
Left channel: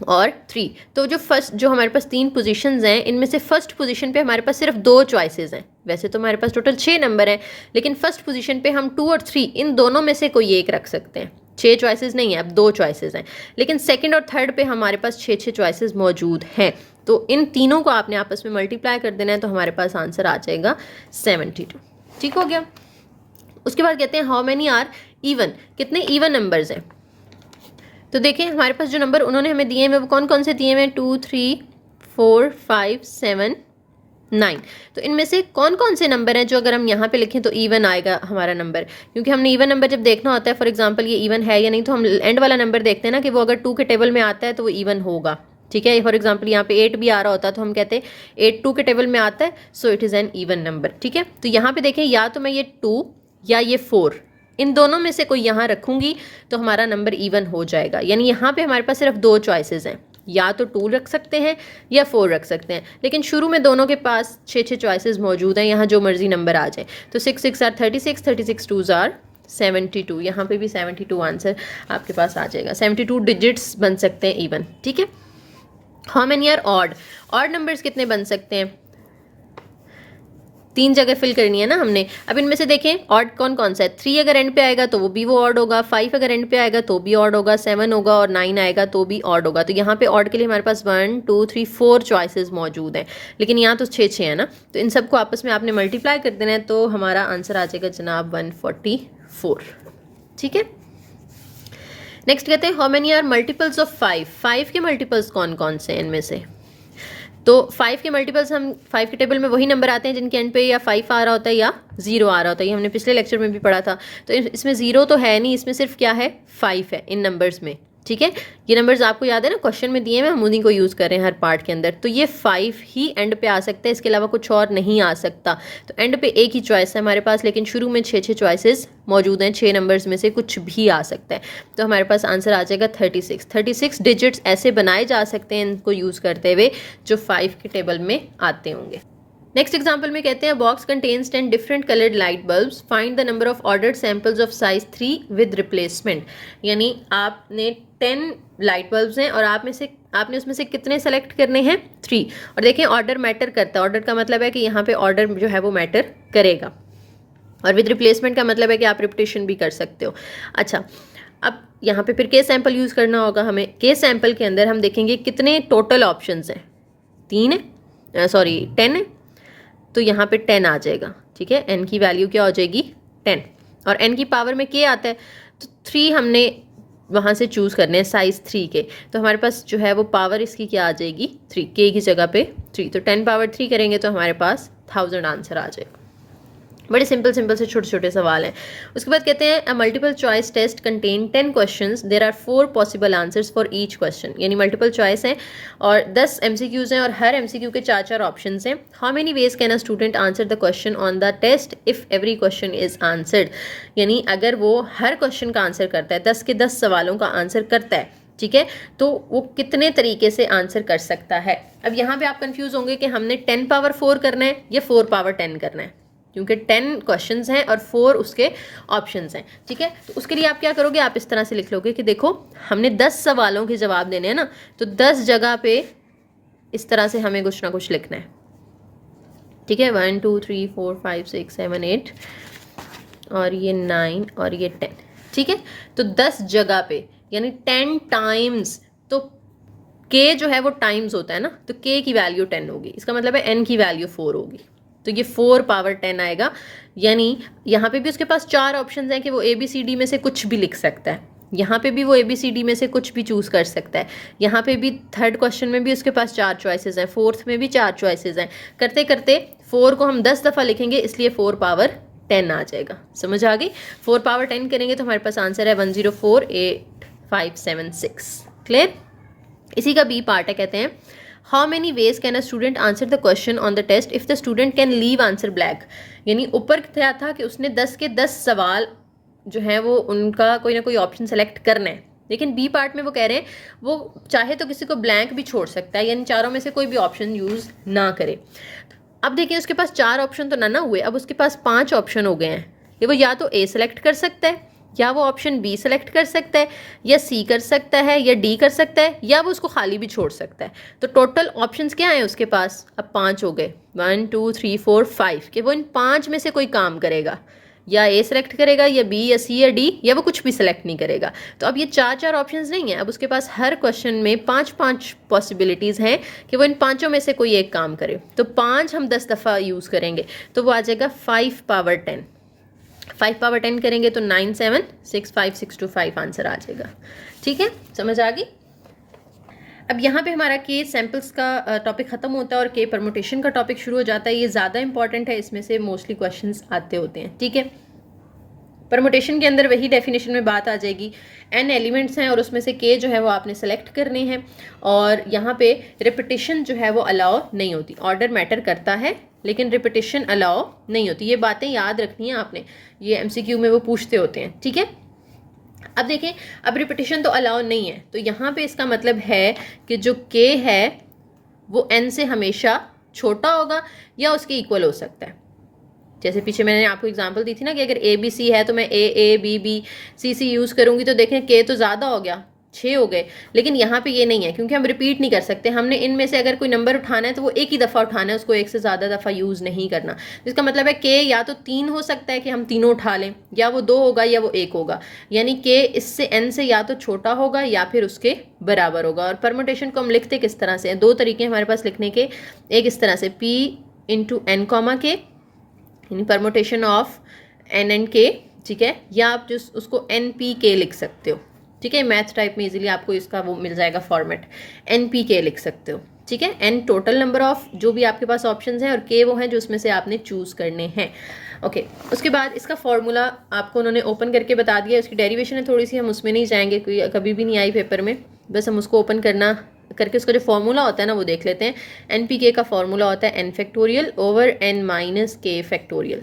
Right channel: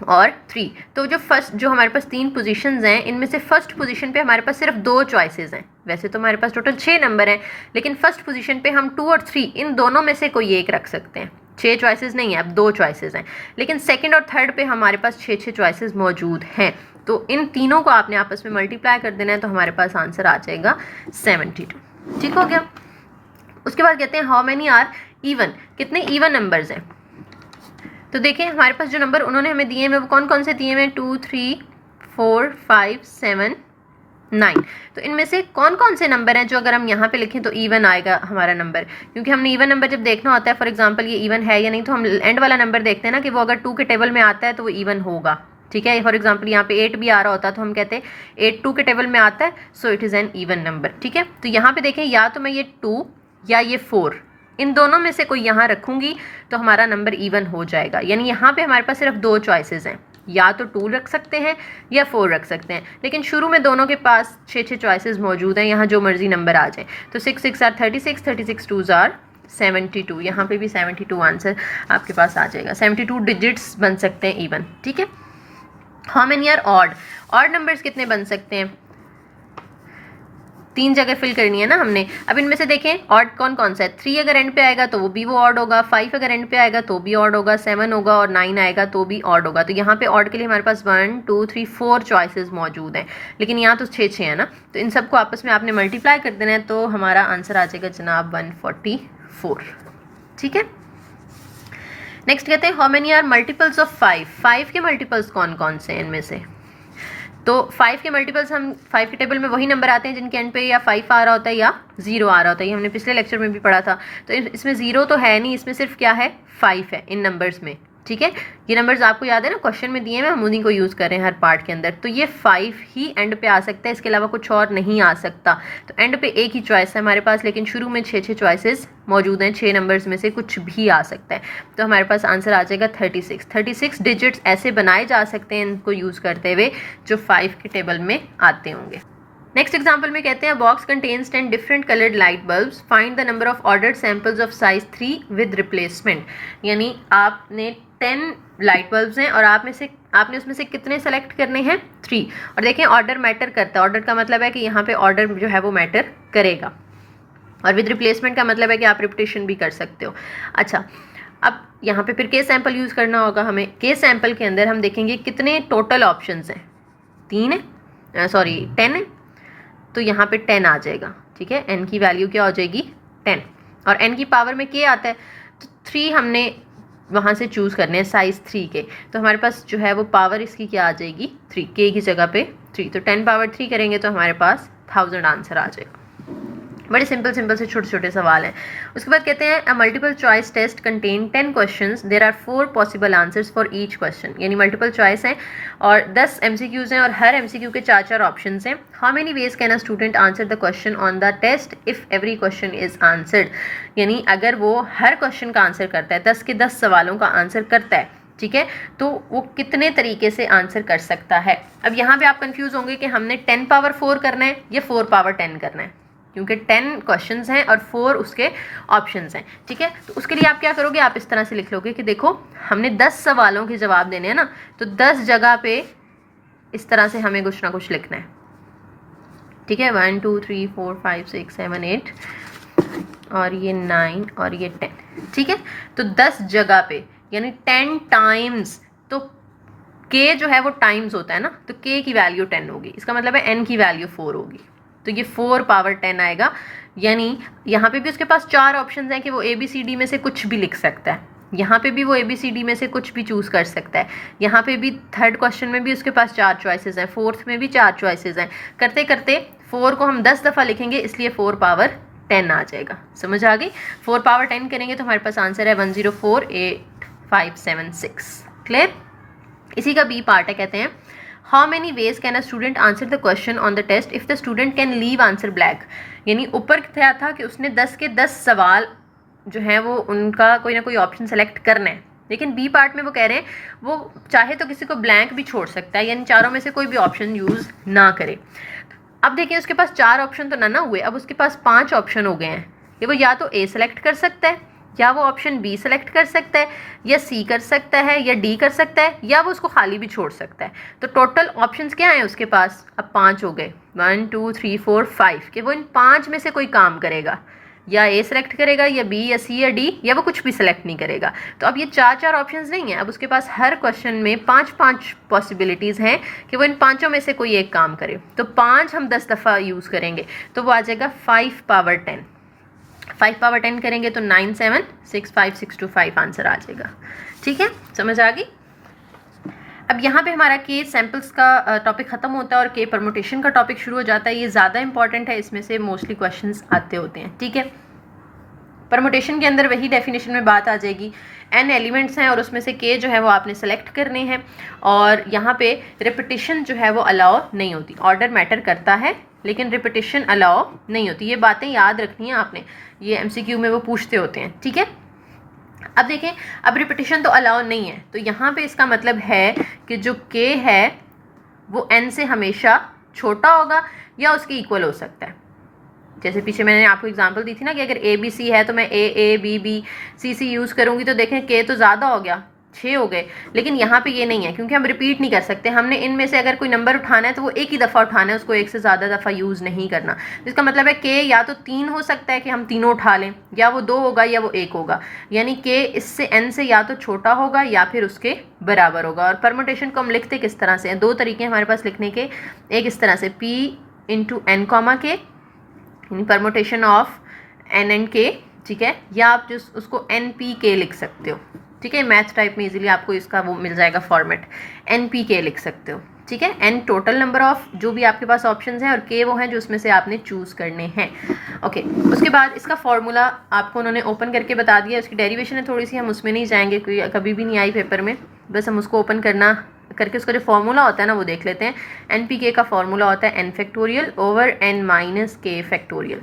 और 3। तो जो हमारे पास 3 पोजीशंस हैं, इनमें से फर्स्ट पोजीशन पे हमारे पास सिर्फ 2 चॉइसेस हैं। वैसे तो हमारे पास टोटल 6 नंबर हैं, लेकिन फर्स्ट पोजीशन पे हम 2 और 3 इन दोनों में से कोई एक रख सकते हैं। 6 चॉइसेस नहीं है, अब 2 चॉइसेस हैं, लेकिन सेकंड और थर्ड पे हमारे पास 6 चॉइसेस मौजूद हैं। तो इन तीनों को आपने आपस में मल्टीप्लाई कर देना है, तो हमारे पास आंसर आ जाएगा 72। ठीक हो गया। उसके बाद कहते हैं हाउ मेनी आर इवन, कितने इवन नंबर्स हैं। तो देखिए हमारे पास जो नंबर उन्होंने हमें दिए हैं वो कौन कौन से दिए हैं, 2 3 4 5 7 9। तो इनमें से कौन कौन से नंबर हैं जो अगर हम यहाँ पे लिखें तो इवन आएगा हमारा नंबर, क्योंकि हमने इवन नंबर जब देखना होता है, फॉर एग्जांपल ये इवन है या नहीं, तो हम एंड वाला नंबर देखते हैं ना कि वो अगर 2 के टेबल में आता है तो वो इवन होगा, ठीक है। फॉर एग्जांपल यहाँ पे 8 भी आ रहा होता है तो हम कहते हैं 8 2 के टेबल में आता है, so it is an even number, ठीक है। तो यहाँ पे देखें या तो मैं ये 2 या ये 4, इन दोनों में से कोई यहाँ रखूँगी तो हमारा नंबर इवन हो जाएगा। यानी यहाँ पे हमारे पास सिर्फ 2 चॉइसेस हैं, या तो 2 रख सकते हैं या 4 रख सकते हैं, लेकिन शुरू में दोनों के पास 6 चॉइसेस मौजूद हैं, यहाँ जो मर्जी नंबर आ जाए। तो 6 6 आर 36, 36 2 आर 72, यहाँ पे भी 72 आंसर आपके पास आ जाएगा। 72 डिजिट्स बन सकते हैं इवन, ठीक है। How many are odd, odd numbers कितने बन सकते हैं, 3 जगह फिल करनी है ना हमने। अब इनमें से देखें ऑड कौन कौन सा है, 3 अगर एंड पे आएगा तो वो भी वो ऑड होगा, 5 अगर एंड पे आएगा तो भी ऑड होगा, 7 होगा और 9 आएगा तो भी ऑड होगा। तो यहाँ पे ऑड के लिए हमारे पास 1 2 3 4 चॉइसेस मौजूद हैं, लेकिन यहाँ तो 6 है ना। तो इन सबको आपस में आपने मल्टीप्लाई कर देना है, तो हमारा आंसर आ जाएगा जनाब 144, ठीक है। नेक्स्ट कहते हैं how many are multiples of 5, 5 के मल्टीपल्स कौन कौन से हैं इनमें से। तो 5 के मल्टीपल्स, हम 5 के टेबल में वही नंबर आते हैं जिनके एंड पे या 5 आ रहा होता है या 0 आ रहा होता है, ये हमने पिछले लेक्चर में भी पढ़ा था। तो इसमें 0 तो है नहीं, इसमें सिर्फ क्या है 5 है इन नंबर्स में, ठीक है। ये नंबर्स आपको याद है ना, क्वेश्चन में दिए हैं, हम उन्हीं को यूज़ कर रहे हैं हर पार्ट के अंदर। तो ये 5 ही एंड पे आ सकता है, इसके अलावा कुछ और नहीं आ सकता। तो एंड पे एक ही चॉइस है हमारे पास, लेकिन शुरू में 6 चॉइसेस मौजूद हैं, 6 नंबर्स में से कुछ भी आ सकता है। तो हमारे पास आंसर आ जाएगा 36। 36 डिजिट्स ऐसे बनाए जा सकते हैं इनको यूज़ करते हुए जो 5 के टेबल में आते होंगे। नेक्स्ट एग्जाम्पल में कहते हैं box contains 10 different coloured light bulbs, find the number of ordered samples of size 3 with replacement. यानी आपने 10 लाइट बल्ब्स हैं और आपने उसमें से कितने सेलेक्ट करने हैं, 3। और देखें ऑर्डर मैटर करता है, ऑर्डर का मतलब है कि यहाँ पे ऑर्डर जो है वो मैटर करेगा, और विद रिप्लेसमेंट का मतलब है कि आप रिपीटेशन भी कर सकते हो। अच्छा, अब यहाँ पे फिर के सैंपल यूज़ करना होगा हमें। के सैंपल के अंदर हम देखेंगे कितने टोटल ऑप्शंस हैं, 3 है, सॉरी 10 है, तो यहाँ पे 10 आ जाएगा, ठीक है। n की वैल्यू क्या हो जाएगी 10, और n की पावर में k आता है, तो 3 हमने वहाँ से चूज़ करने हैं साइज़ 3 के। तो हमारे पास जो है वो पावर इसकी क्या आ जाएगी 3, k की जगह पे 3, तो 10 पावर 3 करेंगे तो हमारे पास 1000 आंसर आ जाएगा। बड़े सिंपल से छोटे छोटे सवाल हैं। उसके बाद कहते हैं a multiple choice test contain 10 questions, there are 4 possible answers for each question. यानी मल्टीपल चॉइस हैं और 10 MCQs हैं और हर MCQ के 4 ऑप्शंस हैं। How many ways can a student answer the question on the test if every question is answered. यानी अगर वो हर क्वेश्चन का आंसर करता है, 10 के 10 सवालों का आंसर करता है, ठीक है, तो वो कितने तरीके से आंसर कर सकता है। अब यहाँ पे आप कंफ्यूज होंगे कि हमने 10 पावर 4 करना है या 4 पावर 10 करना है, क्योंकि 10 क्वेश्चंस हैं और 4 उसके ऑप्शंस हैं, ठीक है। तो उसके लिए आप क्या करोगे, आप इस तरह से लिख लोगे कि देखो हमने 10 सवालों के जवाब देने हैं ना, तो 10 जगह पे इस तरह से हमें कुछ ना कुछ लिखना है, ठीक है। 1 2 3 4 5 6 7 8 और ये 9 और ये 10, ठीक है। तो 10 जगह पे यानी 10 टाइम्स, तो k जो है वो टाइम्स होता है ना, तो k की वैल्यू 10 होगी, इसका मतलब है n की वैल्यू 4 होगी, तो ये 4 पावर 10 आएगा। यानी यहाँ पे भी उसके पास 4 ऑप्शंस हैं कि वो ABCD में से कुछ भी लिख सकता है, यहाँ पे भी वो ABCD में से कुछ भी चूज़ कर सकता है, यहाँ पे भी थर्ड क्वेश्चन में भी उसके पास 4 चॉइसेस हैं, फोर्थ में भी 4 चॉइसेस हैं। करते करते 4 को हम 10 दफ़ा लिखेंगे, इसलिए 4 पावर 10 आ जाएगा। समझ आ गई। 4 पावर 10 करेंगे तो हमारे पास आंसर है 1048576। क्लियर। इसी का बी पार्ट है, कहते हैं how many ways can a student answer the question on the test if the student can leave answer blank. यानी ऊपर क्या था कि उसने 10 के 10 सवाल जो है वो उनका कोई ना कोई ऑप्शन सेलेक्ट करना है, लेकिन बी पार्ट में वो कह रहे हैं वो चाहे तो किसी को ब्लैंक भी छोड़ सकता है, यानी चारों में से कोई भी ऑप्शन यूज़ ना करे। अब देखिए उसके पास 4 ऑप्शन तो ना हुए, अब उसके पास 5 ऑप्शन हो गए हैं। ये वो या तो ए सेलेक्ट कर सकता है, या वो ऑप्शन बी सेलेक्ट कर सकता है, या सी कर सकता है, या डी कर सकता है, या वो उसको खाली भी छोड़ सकता है। तो टोटल ऑप्शंस क्या हैं उसके पास, अब 5 हो गए, 1 2 3 4 5, कि वो इन 5 में से कोई काम करेगा, या ए सेलेक्ट करेगा, या बी, या सी, या डी, या वो कुछ भी सेलेक्ट नहीं करेगा। तो अब ये 4 ऑप्शंस नहीं है, अब उसके पास हर क्वेश्चन में 5 पॉसिबिलिटीज़ हैं कि वो इन 5 में से कोई एक काम करे। तो 5 हम 10 दफ़ा यूज़ करेंगे तो वो आ जाएगा 5 पावर 10। 5 पावर 10 करेंगे तो 9 7 6 5 6 2 5 आंसर आ जाएगा। ठीक है, समझ आ गई। अब यहाँ पे हमारा के सैम्पल्स का टॉपिक ख़त्म होता है और के परमुटेशन का टॉपिक शुरू हो जाता है। ये ज़्यादा इंपॉर्टेंट है, इसमें से मोस्टली क्वेश्चंस आते होते हैं। ठीक है, परमुटेशन के अंदर वही डेफिनेशन में बात आ जाएगी, n एलिमेंट्स हैं और उसमें से के जो है वो आपने सेलेक्ट करने हैं, और यहाँ पे रिपीटिशन जो है वो अलाउ नहीं होती। ऑर्डर मैटर करता है लेकिन रिपीटिशन अलाउ नहीं होती। ये बातें याद रखनी है आपने, ये MCQ में वो पूछते होते हैं। ठीक है, अब देखें, अब रिपीटिशन तो अलाउ नहीं है, तो यहाँ पे इसका मतलब है कि जो के है वो n से हमेशा छोटा होगा या उसके इक्वल हो सकता है। जैसे पीछे मैंने आपको एग्जांपल दी थी ना कि अगर ए बी सी है तो मैं A B B C C use करूँगी, तो देखें के तो ज़्यादा हो गया, 6 हो गए। लेकिन यहाँ पे ये नहीं है क्योंकि हम रिपीट नहीं कर सकते। हमने इनमें से अगर कोई नंबर उठाना है तो वो एक ही दफ़ा उठाना है, उसको एक से ज़्यादा दफ़ा यूज़ नहीं करना। इसका मतलब है के या तो 3 हो सकता है कि हम तीनों उठा लें, या वो 2 होगा या वो 1 होगा, यानी के इससे n से या तो छोटा होगा या फिर उसके बराबर होगा। और परमुटेशन को हम लिखते किस तरह से हैं, 2 तरीके हमारे पास लिखने के। एक इस तरह से p इंटू एन कॉमा के, यानी परमुटेशन ऑफ एन एंड के। ठीक है, या आप जो उसको एन पी के लिख सकते हो। ठीक है, मैथ टाइप में इजीली आपको इसका वो मिल जाएगा फॉर्मेट, एन पी के लिख सकते हो। ठीक है, एन टोटल नंबर ऑफ जो भी आपके पास ऑप्शंस हैं और के वो हैं जो उसमें से आपने चूज़ करने हैं। ओके, उसके बाद इसका फॉर्मूला आपको उन्होंने ओपन करके बता दिया। उसकी डेरिवेशन है थोड़ी सी, हम उसमें नहीं जाएंगे क्योंकि कभी भी नहीं आई पेपर में, बस हम उसको ओपन करके उसका जो फॉर्मूला होता है ना वो देख लेते हैं। एन पी के का फॉर्मूला होता है n factorial over n minus k factorial,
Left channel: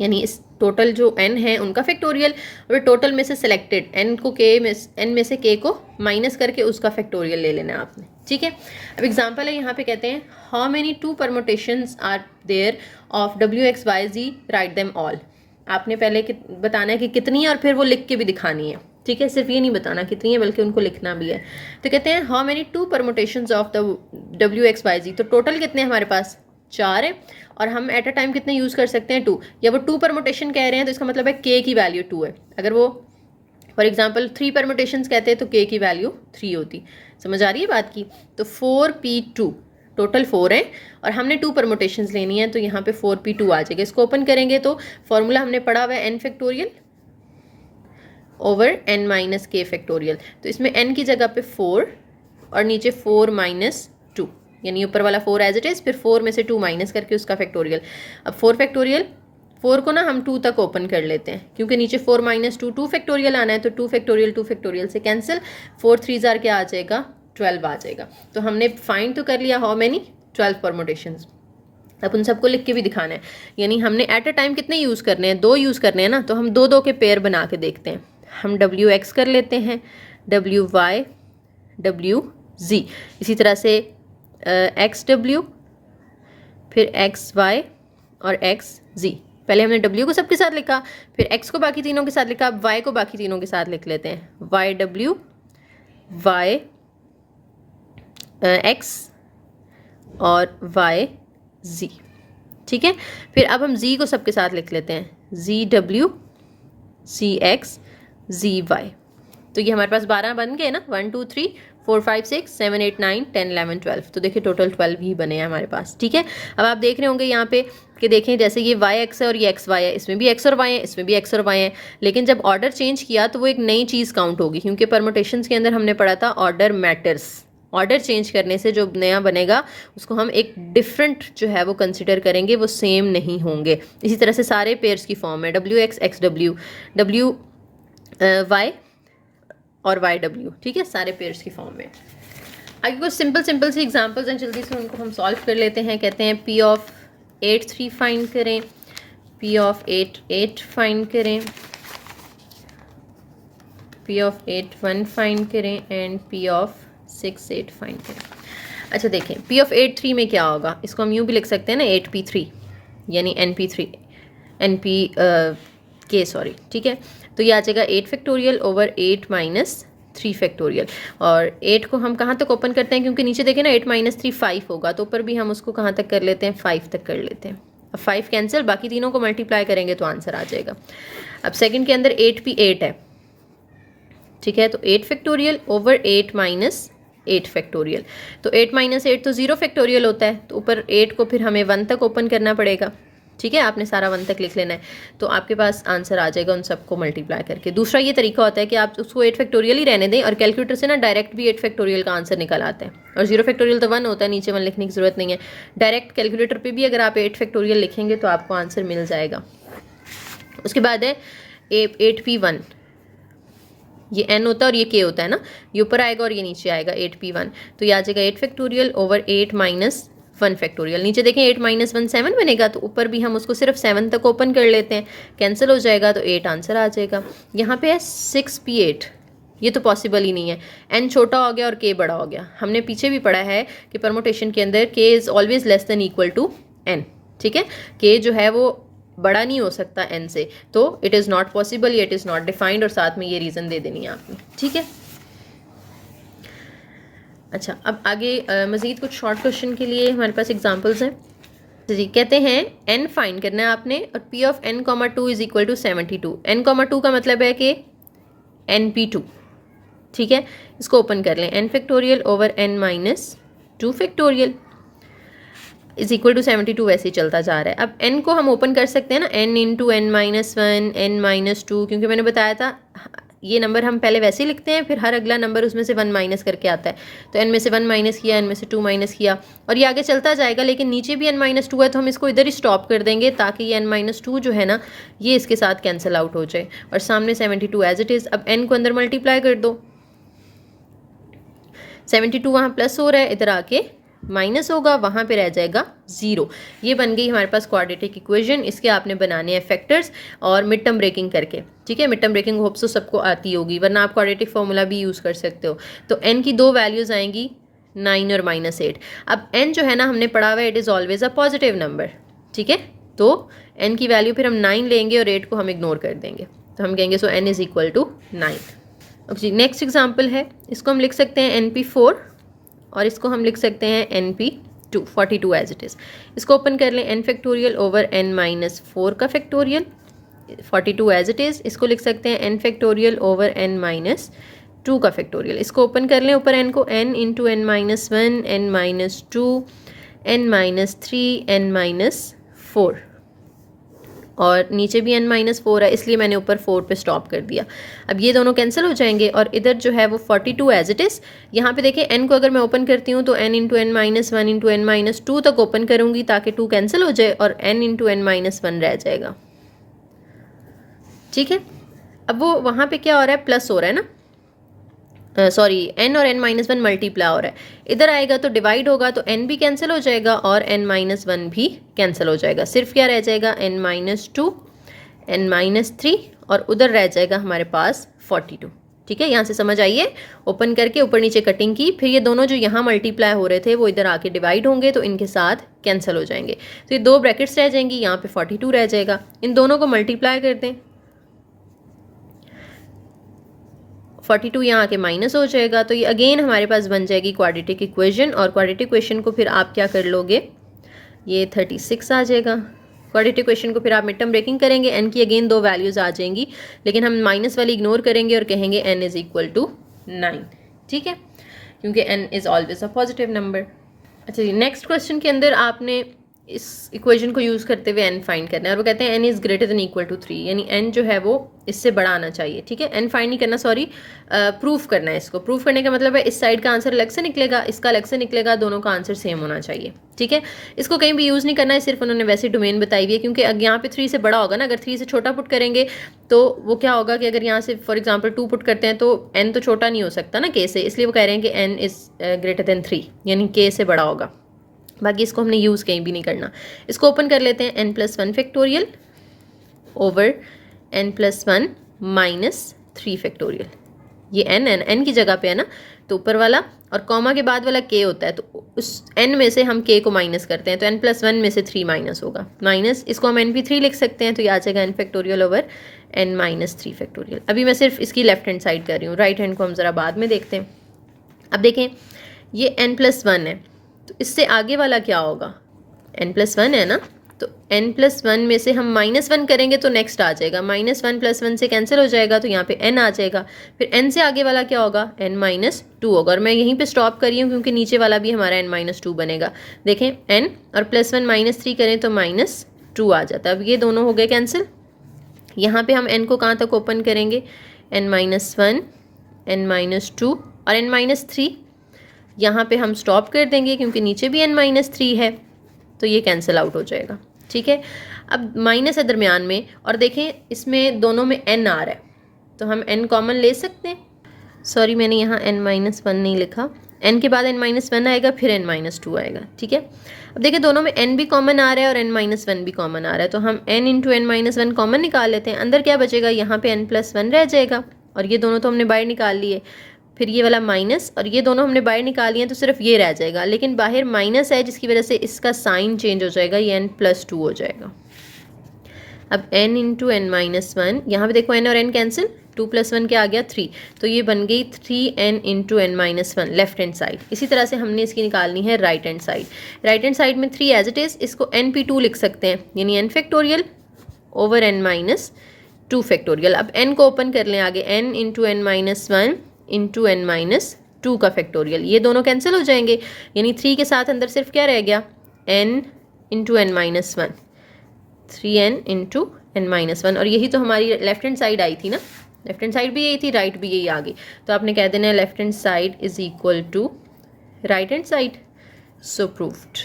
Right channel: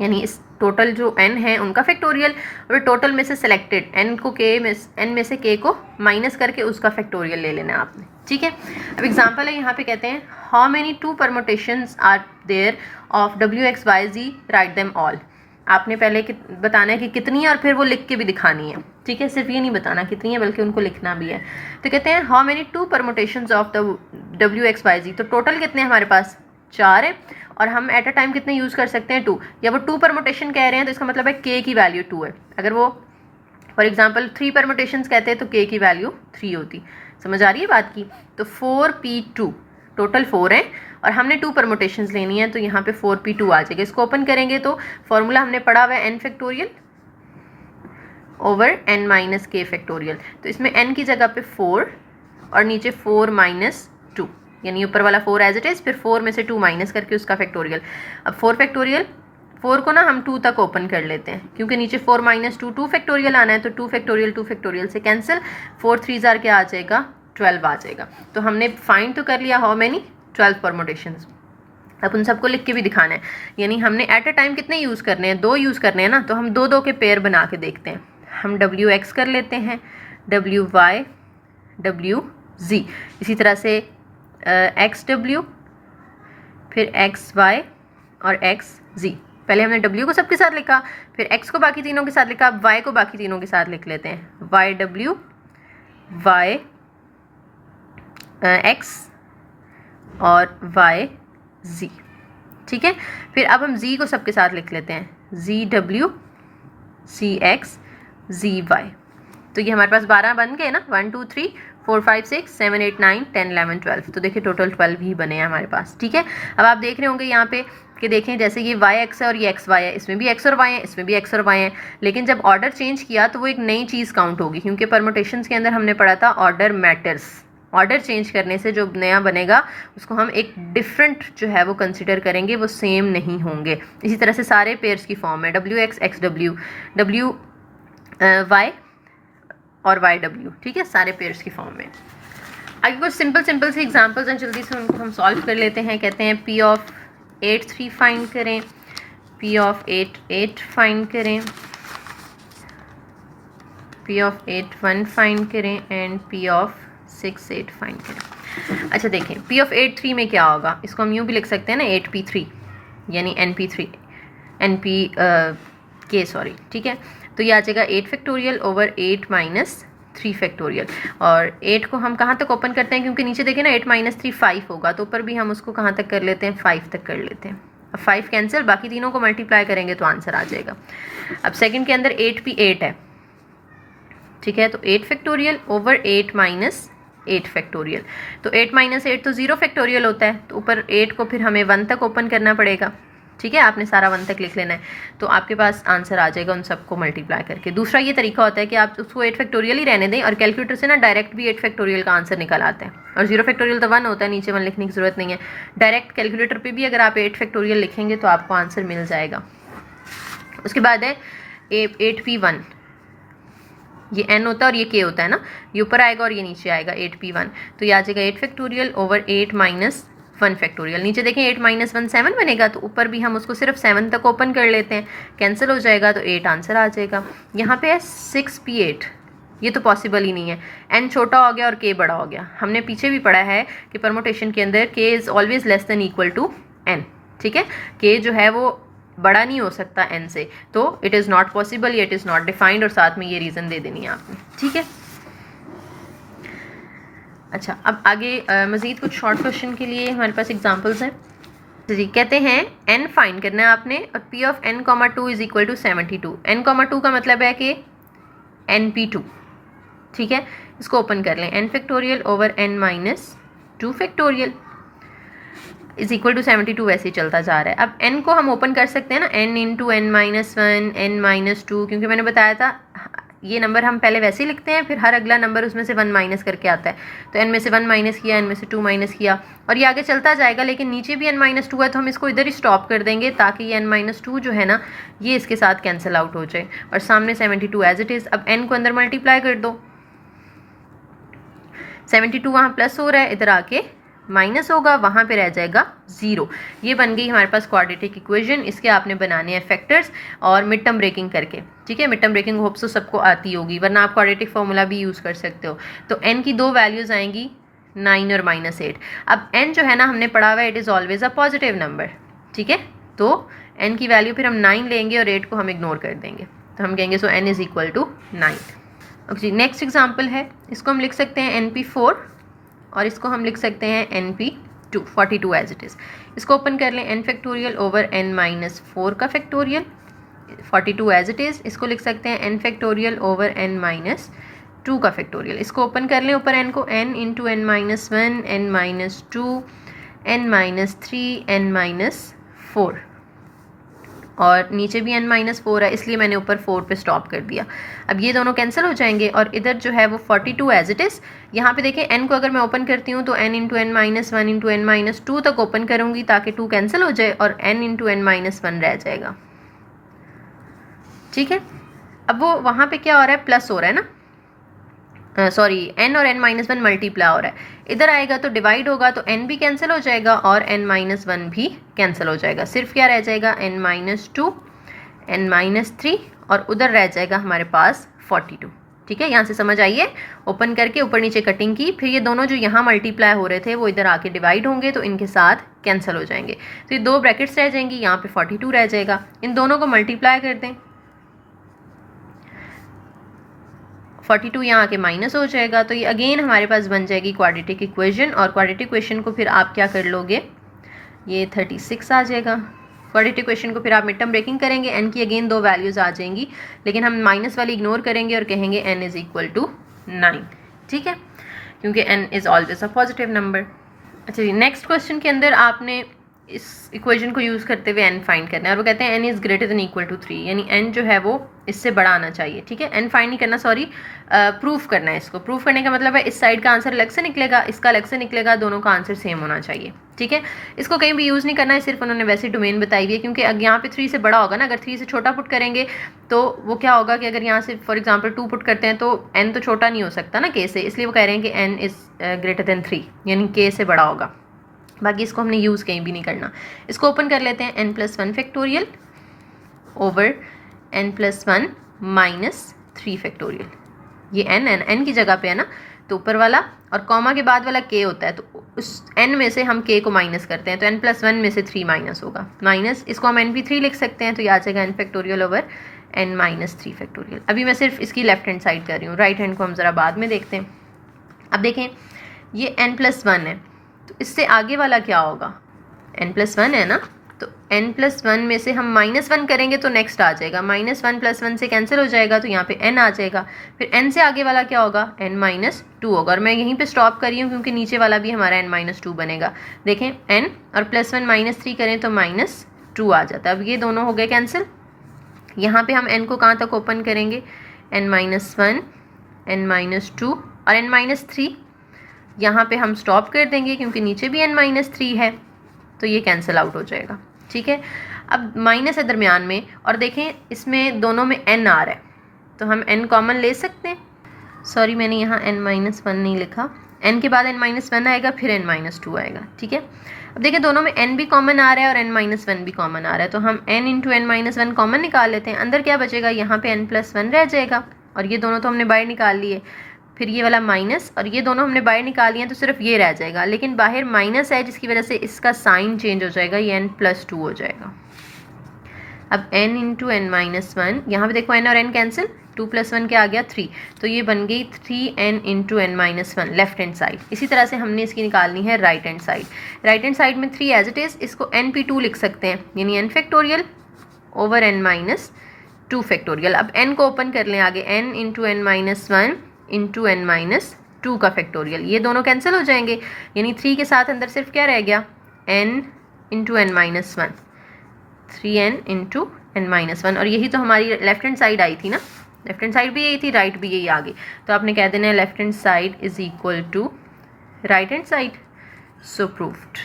यानी इस टोटल जो n है उनका फैक्टोरियल, और टोटल में से सिलेक्टेड n को के में n में से k को माइनस करके उसका फैक्टोरियल ले लेना है आपने। ठीक है, अब एग्जांपल है, यहाँ पे कहते हैं how many 2 permutations are there of WXYZ, write them all. आपने पहले बताना है कि कितनी है और फिर वो लिख के भी दिखानी है। ठीक है, सिर्फ ये नहीं बताना कितनी है बल्कि उनको लिखना भी है। तो कहते हैं how many 2 permutations of the WXYZ, तो टोटल कितने हमारे पास 4 है, और हम एट अ टाइम कितने यूज़ कर सकते हैं 2, या वो 2 परमुटेशन कह रहे हैं तो इसका मतलब है के की वैल्यू 2 है। अगर वो फॉर एग्जांपल 3 परमुटेशंस कहते हैं तो के की वैल्यू 3 होती। समझ आ रही है बात की। तो 4p2, टोटल 4 है और हमने 2 परमुटेशंस लेनी है, तो यहाँ पे 4p2 आ जाएगा। इसको ओपन करेंगे तो फॉर्मूला हमने पढ़ा हुआ है n factorial over n minus k factorial. तो इसमें n की जगह पे 4 और नीचे 4 माइनस 2, यानी ऊपर वाला 4 एज इट इज़, फिर 4 में से 2 माइनस करके उसका फैक्टोरियल। अब 4 फैक्टोरियल, 4 को ना हम 2 तक ओपन कर लेते हैं क्योंकि नीचे 4 माइनस 2 2 फैक्टोरियल आना है, तो 2 फैक्टोरियल से कैंसिल, 4 3 जार क्या आ जाएगा 12 आ जाएगा। तो हमने फाइंड तो कर लिया हाउ मैनी 12 परमुटेशंस। अब उन सबको लिख के भी दिखाना है, यानी हमने एट अ टाइम कितने यूज़ करने हैं, 2 यूज़ करने हैं ना, तो हम 2 के पेयर बना के देखते हैं। हम WX कर लेते हैं, WY, WZ, इसी तरह से XW, फिर XY और XZ। पहले हमने W को सबके साथ लिखा, फिर X को बाकी तीनों के साथ लिखा, अब Y को बाकी तीनों के साथ लिख लेते हैं, YW, YX और YZ। ठीक है, फिर अब हम Z को सबके साथ लिख लेते हैं, ZW, CX, ZY। तो ये हमारे पास 12 बन गए ना, 1 2 3 4 5 6 7 8 9 10 11 12। तो देखिए टोटल 12 ही बने हैं हमारे पास। ठीक है, अब आप देख रहे होंगे यहाँ पे कि देखें जैसे ये YX है और ये XY है, इसमें भी X और Y है, इसमें भी X और Y है, लेकिन जब ऑर्डर चेंज किया तो वो एक नई चीज़ काउंट होगी, क्योंकि परमुटेशंस के अंदर हमने पढ़ा था ऑर्डर मैटर्स। ऑर्डर चेंज करने से जो नया बनेगा उसको हम एक डिफरेंट जो है वो कंसिडर करेंगे, वो सेम नहीं होंगे। इसी तरह से सारे पेयर्स की फॉर्म है, WX, XW, WY और YW। ठीक है, सारे पेयर्स की फॉर्म में। आगे कुछ सिंपल से एग्जांपल्स हैं, जल्दी से उनको हम सॉल्व कर लेते हैं। कहते हैं P ऑफ 8 3 फाइंड करें, P ऑफ 8 8 फाइंड करें, पी ऑफ 8 1 फाइंड करें एंड पी ऑफ 6 8 फाइंड करें। अच्छा देखें, पी ऑफ 8 3 में क्या होगा, इसको हम यूँ भी लिख सकते हैं ना 8p3 यानी np3 np के सॉरी, ठीक है। तो ये आ जाएगा 8 फैक्टोरियल ओवर 8 माइनस 3 फैक्टोरियल। और 8 को हम कहाँ तक ओपन करते हैं, क्योंकि नीचे देखें ना 8 माइनस 3 5 होगा, तो ऊपर भी हम उसको कहाँ तक कर लेते हैं 5 तक कर लेते हैं। अब 5 कैंसिल, बाकी तीनों को मल्टीप्लाई करेंगे तो आंसर आ जाएगा। अब सेकंड के अंदर 8p8 है, ठीक है, तो 8 फैक्टोरियल ओवर 8 माइनस 8 फैक्टोरियल। तो 8 माइनस 8 तो 0 फैक्टोरियल होता है, तो ऊपर 8 को फिर हमें 1 तक ओपन करना पड़ेगा, ठीक है। आपने सारा 1 तक लिख लेना है, तो आपके पास आंसर आ जाएगा उन सबको मल्टीप्लाई करके। दूसरा ये तरीका होता है कि आप उसको 8 फैक्टोरियल ही रहने दें और कैलकुलेटर से ना डायरेक्ट भी 8 फैक्टोरियल का आंसर निकल आता है। और 0 फैक्टोरियल तो 1 होता है, नीचे 1 लिखने की ज़रूरत नहीं है। डायरेक्ट कैलकुलेटर पर भी अगर आप 8 फैक्टोरियल लिखेंगे तो आपको आंसर मिल जाएगा। उसके बाद है 8p1, ये n होता है और ये k होता है ना, ये ऊपर आएगा और ये नीचे आएगा 8p1, तो ये आ जाएगा 8 फैक्टोरियल ओवर 8 माइनस 1 फैक्टोरियल। नीचे देखें 8 माइनस 1 7 बनेगा, तो ऊपर भी हम उसको सिर्फ 7 तक ओपन कर लेते हैं, कैंसिल हो जाएगा तो 8 आंसर आ जाएगा। यहाँ पे है 6p8, ये तो पॉसिबल ही नहीं है, n छोटा हो गया और k बड़ा हो गया। हमने पीछे भी पढ़ा है कि परमुटेशन के अंदर k is always less than equal to n, ठीक है। k जो है वो बड़ा नहीं हो सकता n से, तो it is not possible, it is not defined, और साथ में ये रीज़न दे देनी है आपने, ठीक है। अच्छा, अब आगे मज़ीद कुछ शॉर्ट क्वेश्चन के लिए हमारे पास एग्जांपल्स हैं। जी, कहते हैं n फाइंड करना है आपने और p of n, 2 is equal to 72। n, 2 का मतलब है कि np2, ठीक है। इसको ओपन कर लें, n factorial over n minus 2 factorial is equal to 72 वैसे ही चलता जा रहा है। अब n को हम ओपन कर सकते हैं ना, n into n minus 1 n minus 2, क्योंकि मैंने बताया था ये नंबर हम पहले वैसे ही लिखते हैं, फिर हर अगला नंबर उसमें से 1 माइनस करके आता है। तो n में से 1 माइनस किया, n में से 2 माइनस किया, और ये आगे चलता जाएगा। लेकिन नीचे भी n माइनस 2 है, तो हम इसको इधर ही स्टॉप कर देंगे ताकि ये n माइनस 2 जो है ना ये इसके साथ कैंसिल आउट हो जाए, और सामने 72 एज इट इज़। अब n को अंदर मल्टीप्लाई कर दो, 72 वहाँ प्लस हो रहा है, इधर आके माइनस होगा, वहाँ पे रह जाएगा 0। ये बन गई हमारे पास क्वाड्रेटिक इक्वेशन। इसके आपने बनाने हैं फैक्टर्स और मिड टर्म ब्रेकिंग करके, ठीक है। मिड टर्म ब्रेकिंग होप्स तो सबको आती होगी, वरना आप क्वाड्रेटिक फार्मूला भी यूज़ कर सकते हो। तो n की दो वैल्यूज़ आएंगी 9 और -8। अब n जो है ना हमने पढ़ा हुआ है, it is always a positive number, ठीक है। तो n की वैल्यू फिर हम 9 लेंगे और 8 को हम इग्नोर कर देंगे, तो हम कहेंगे so n is equal to 9। जी, नेक्स्ट एग्जाम्पल है, इसको हम लिख सकते हैं np4 और इसको हम लिख सकते हैं np2, 42 एज इट इज़। इसको ओपन कर लें, n factorial over n minus 4 का फैक्टोरियल, 42 एज इट इज़। इसको लिख सकते हैं n factorial over n minus 2 का फैक्टोरियल। इसको ओपन कर लें, ऊपर n को n into n minus 1 n minus 2 n minus 3 n minus 4, और नीचे भी n माइनस 4 है, इसलिए मैंने ऊपर 4 पे स्टॉप कर दिया। अब ये दोनों कैंसिल हो जाएंगे और इधर जो है वो 42 एज इट इज़। यहाँ पे देखें n को अगर मैं ओपन करती हूँ तो n into n minus 1 into n minus 2 तक ओपन करूँगी ताकि 2 कैंसिल हो जाए और n इंटू n माइनस 1 रह जाएगा, ठीक है। अब वो वहाँ पे क्या हो रहा है, प्लस हो रहा है ना, सॉरी n और n माइनस 1 मल्टीप्लाई हो रहा है। इधर आएगा तो डिवाइड होगा, तो n भी कैंसिल हो जाएगा और n माइनस 1 भी कैंसिल हो जाएगा। सिर्फ क्या रह जाएगा, n माइनस 2 n माइनस 3, और उधर रह जाएगा हमारे पास 42, ठीक है। यहाँ से समझ आइए, ओपन करके ऊपर नीचे कटिंग की, फिर ये दोनों जो यहाँ मल्टीप्लाई हो रहे थे वो इधर आके डिवाइड होंगे, तो इनके साथ कैंसिल हो जाएंगे। तो ये दो ब्रैकेट्स रह जाएंगी, यहाँ पे 42 रह जाएगा। इन दोनों को मल्टीप्लाई कर दें, 42 यहाँ आके माइनस हो जाएगा, तो ये अगेन हमारे पास बन जाएगी क्वाड्रेटिक इक्वेशन। और क्वाड्रेटिक इक्वेशन को फिर आप क्या कर लोगे, ये 36 आ जाएगा। क्वाड्रेटिक इक्वेशन को फिर आप मिड टर्म ब्रेकिंग करेंगे, n की अगेन दो वैल्यूज़ आ जाएंगी, लेकिन हम माइनस वाली इग्नोर करेंगे और कहेंगे n इज़ इक्वल टू 9, ठीक है, क्योंकि n is always a positive number. अच्छा जी, नेक्स्ट क्वेश्चन के अंदर आपने इस इक्वेशन को यूज़ करते हुए n फाइंड करना है, और वो कहते हैं n is greater than equal to 3, यानी n जो है वो इससे बड़ा आना चाहिए, ठीक है। n फाइंड नहीं करना, सॉरी, प्रूफ करना है। इसको प्रूफ करने का मतलब है इस साइड का आंसर अलग से निकलेगा, इसका अलग से निकलेगा, दोनों का आंसर सेम होना चाहिए, ठीक है। इसको कहीं भी यूज़ नहीं करना है, सिर्फ उन्होंने वैसे डोमेन बताई हुई है, क्योंकि अगर यहाँ पे 3 से बड़ा होगा ना, अगर 3 से छोटा पुट करेंगे तो वो क्या होगा कि अगर यहाँ से फॉर एग्जाम्पल 2 पुट करते हैं तो n तो छोटा नहीं हो सकता ना k से, इसलिए वो कह रहे हैं कि n इज़ ग्रेटर देन 3, यानी k से बड़ा होगा। बाकी इसको हमने यूज़ कहीं भी नहीं करना। इसको ओपन कर लेते हैं, n plus 1 factorial over n plus 1 minus 3 factorial, ये n की जगह पे है ना, तो ऊपर वाला और कॉमा के बाद वाला k होता है, तो उस n में से हम k को माइनस करते हैं, तो n+1 में से 3 माइनस होगा, माइनस इसको हम np3 लिख सकते हैं, तो ये आ जाएगा n factorial over n-3 factorial. अभी मैं सिर्फ इसकी लेफ्ट हैंड साइड कर रही हूँ, राइट हैंड को हम ज़रा बाद में देखते हैं। अब देखें ये n+1 है, तो इससे आगे वाला क्या होगा, n+1 है ना, तो n+1 में से हम -1 करेंगे तो नेक्स्ट आ जाएगा, -1 + 1 से कैंसिल हो जाएगा, तो यहाँ पे n आ जाएगा, फिर n से आगे वाला क्या होगा, n-2 होगा, और मैं यहीं पे स्टॉप कर रही हूँ क्योंकि नीचे वाला भी हमारा n-2 बनेगा। देखें n और +1 -3 करें तो -2 आ जाता है। अब ये दोनों हो गए कैंसिल। यहाँ पे हम n को कहाँ तक ओपन करेंगे, n-1, n-2 और n-3, यहाँ पे हम स्टॉप कर देंगे क्योंकि नीचे भी n-3 है, तो ये कैंसिल आउट हो जाएगा। ठीक है, अब माइनस है दरमियान में, और देखें इसमें दोनों में n आ रहा है, तो हम n कॉमन ले सकते हैं। सॉरी, मैंने यहाँ n-1 नहीं लिखा, n के बाद n-1 आएगा, फिर n-2 आएगा। ठीक है, अब देखिए दोनों में n भी कॉमन आ रहा है और n-1 भी कॉमन आ रहा है, तो हम n इंटू n-1 कॉमन निकाल लेते हैं। अंदर क्या बचेगा, यहाँ पे n+1 रह जाएगा, और ये दोनों तो हमने बाहर निकाल लिए, फिर ये वाला माइनस, और ये दोनों हमने बाहर निकाल लिए, तो सिर्फ ये रह जाएगा, लेकिन बाहर माइनस है जिसकी वजह से इसका साइन चेंज हो जाएगा, ये n+2 हो जाएगा। अब n इंटू n-1, यहाँ पे देखो n और n कैंसिल, 2 + 1 क्या आ गया, 3, तो ये बन गई 3n into n-1 left hand side. इसी तरह से हमने इसकी निकालनी है right hand side. Right hand side में 3 एज इट इज़, इसको np2 लिख सकते हैं, यानी n factorial over n-2 factorial. अब n को ओपन कर लें आगे, n into n-1 into n-2 का फैक्टोरियल, ये दोनों कैंसिल हो जाएंगे, यानी 3 के साथ अंदर सिर्फ क्या रह गया, n into n-1, 3n into n-1, और यही तो हमारी लेफ्ट हैंड साइड आई थी ना, लेफ्ट हैंड साइड भी यही थी, राइट भी यही आ गई, तो आपने कह देना है left hand side is equal to right hand side. So proved.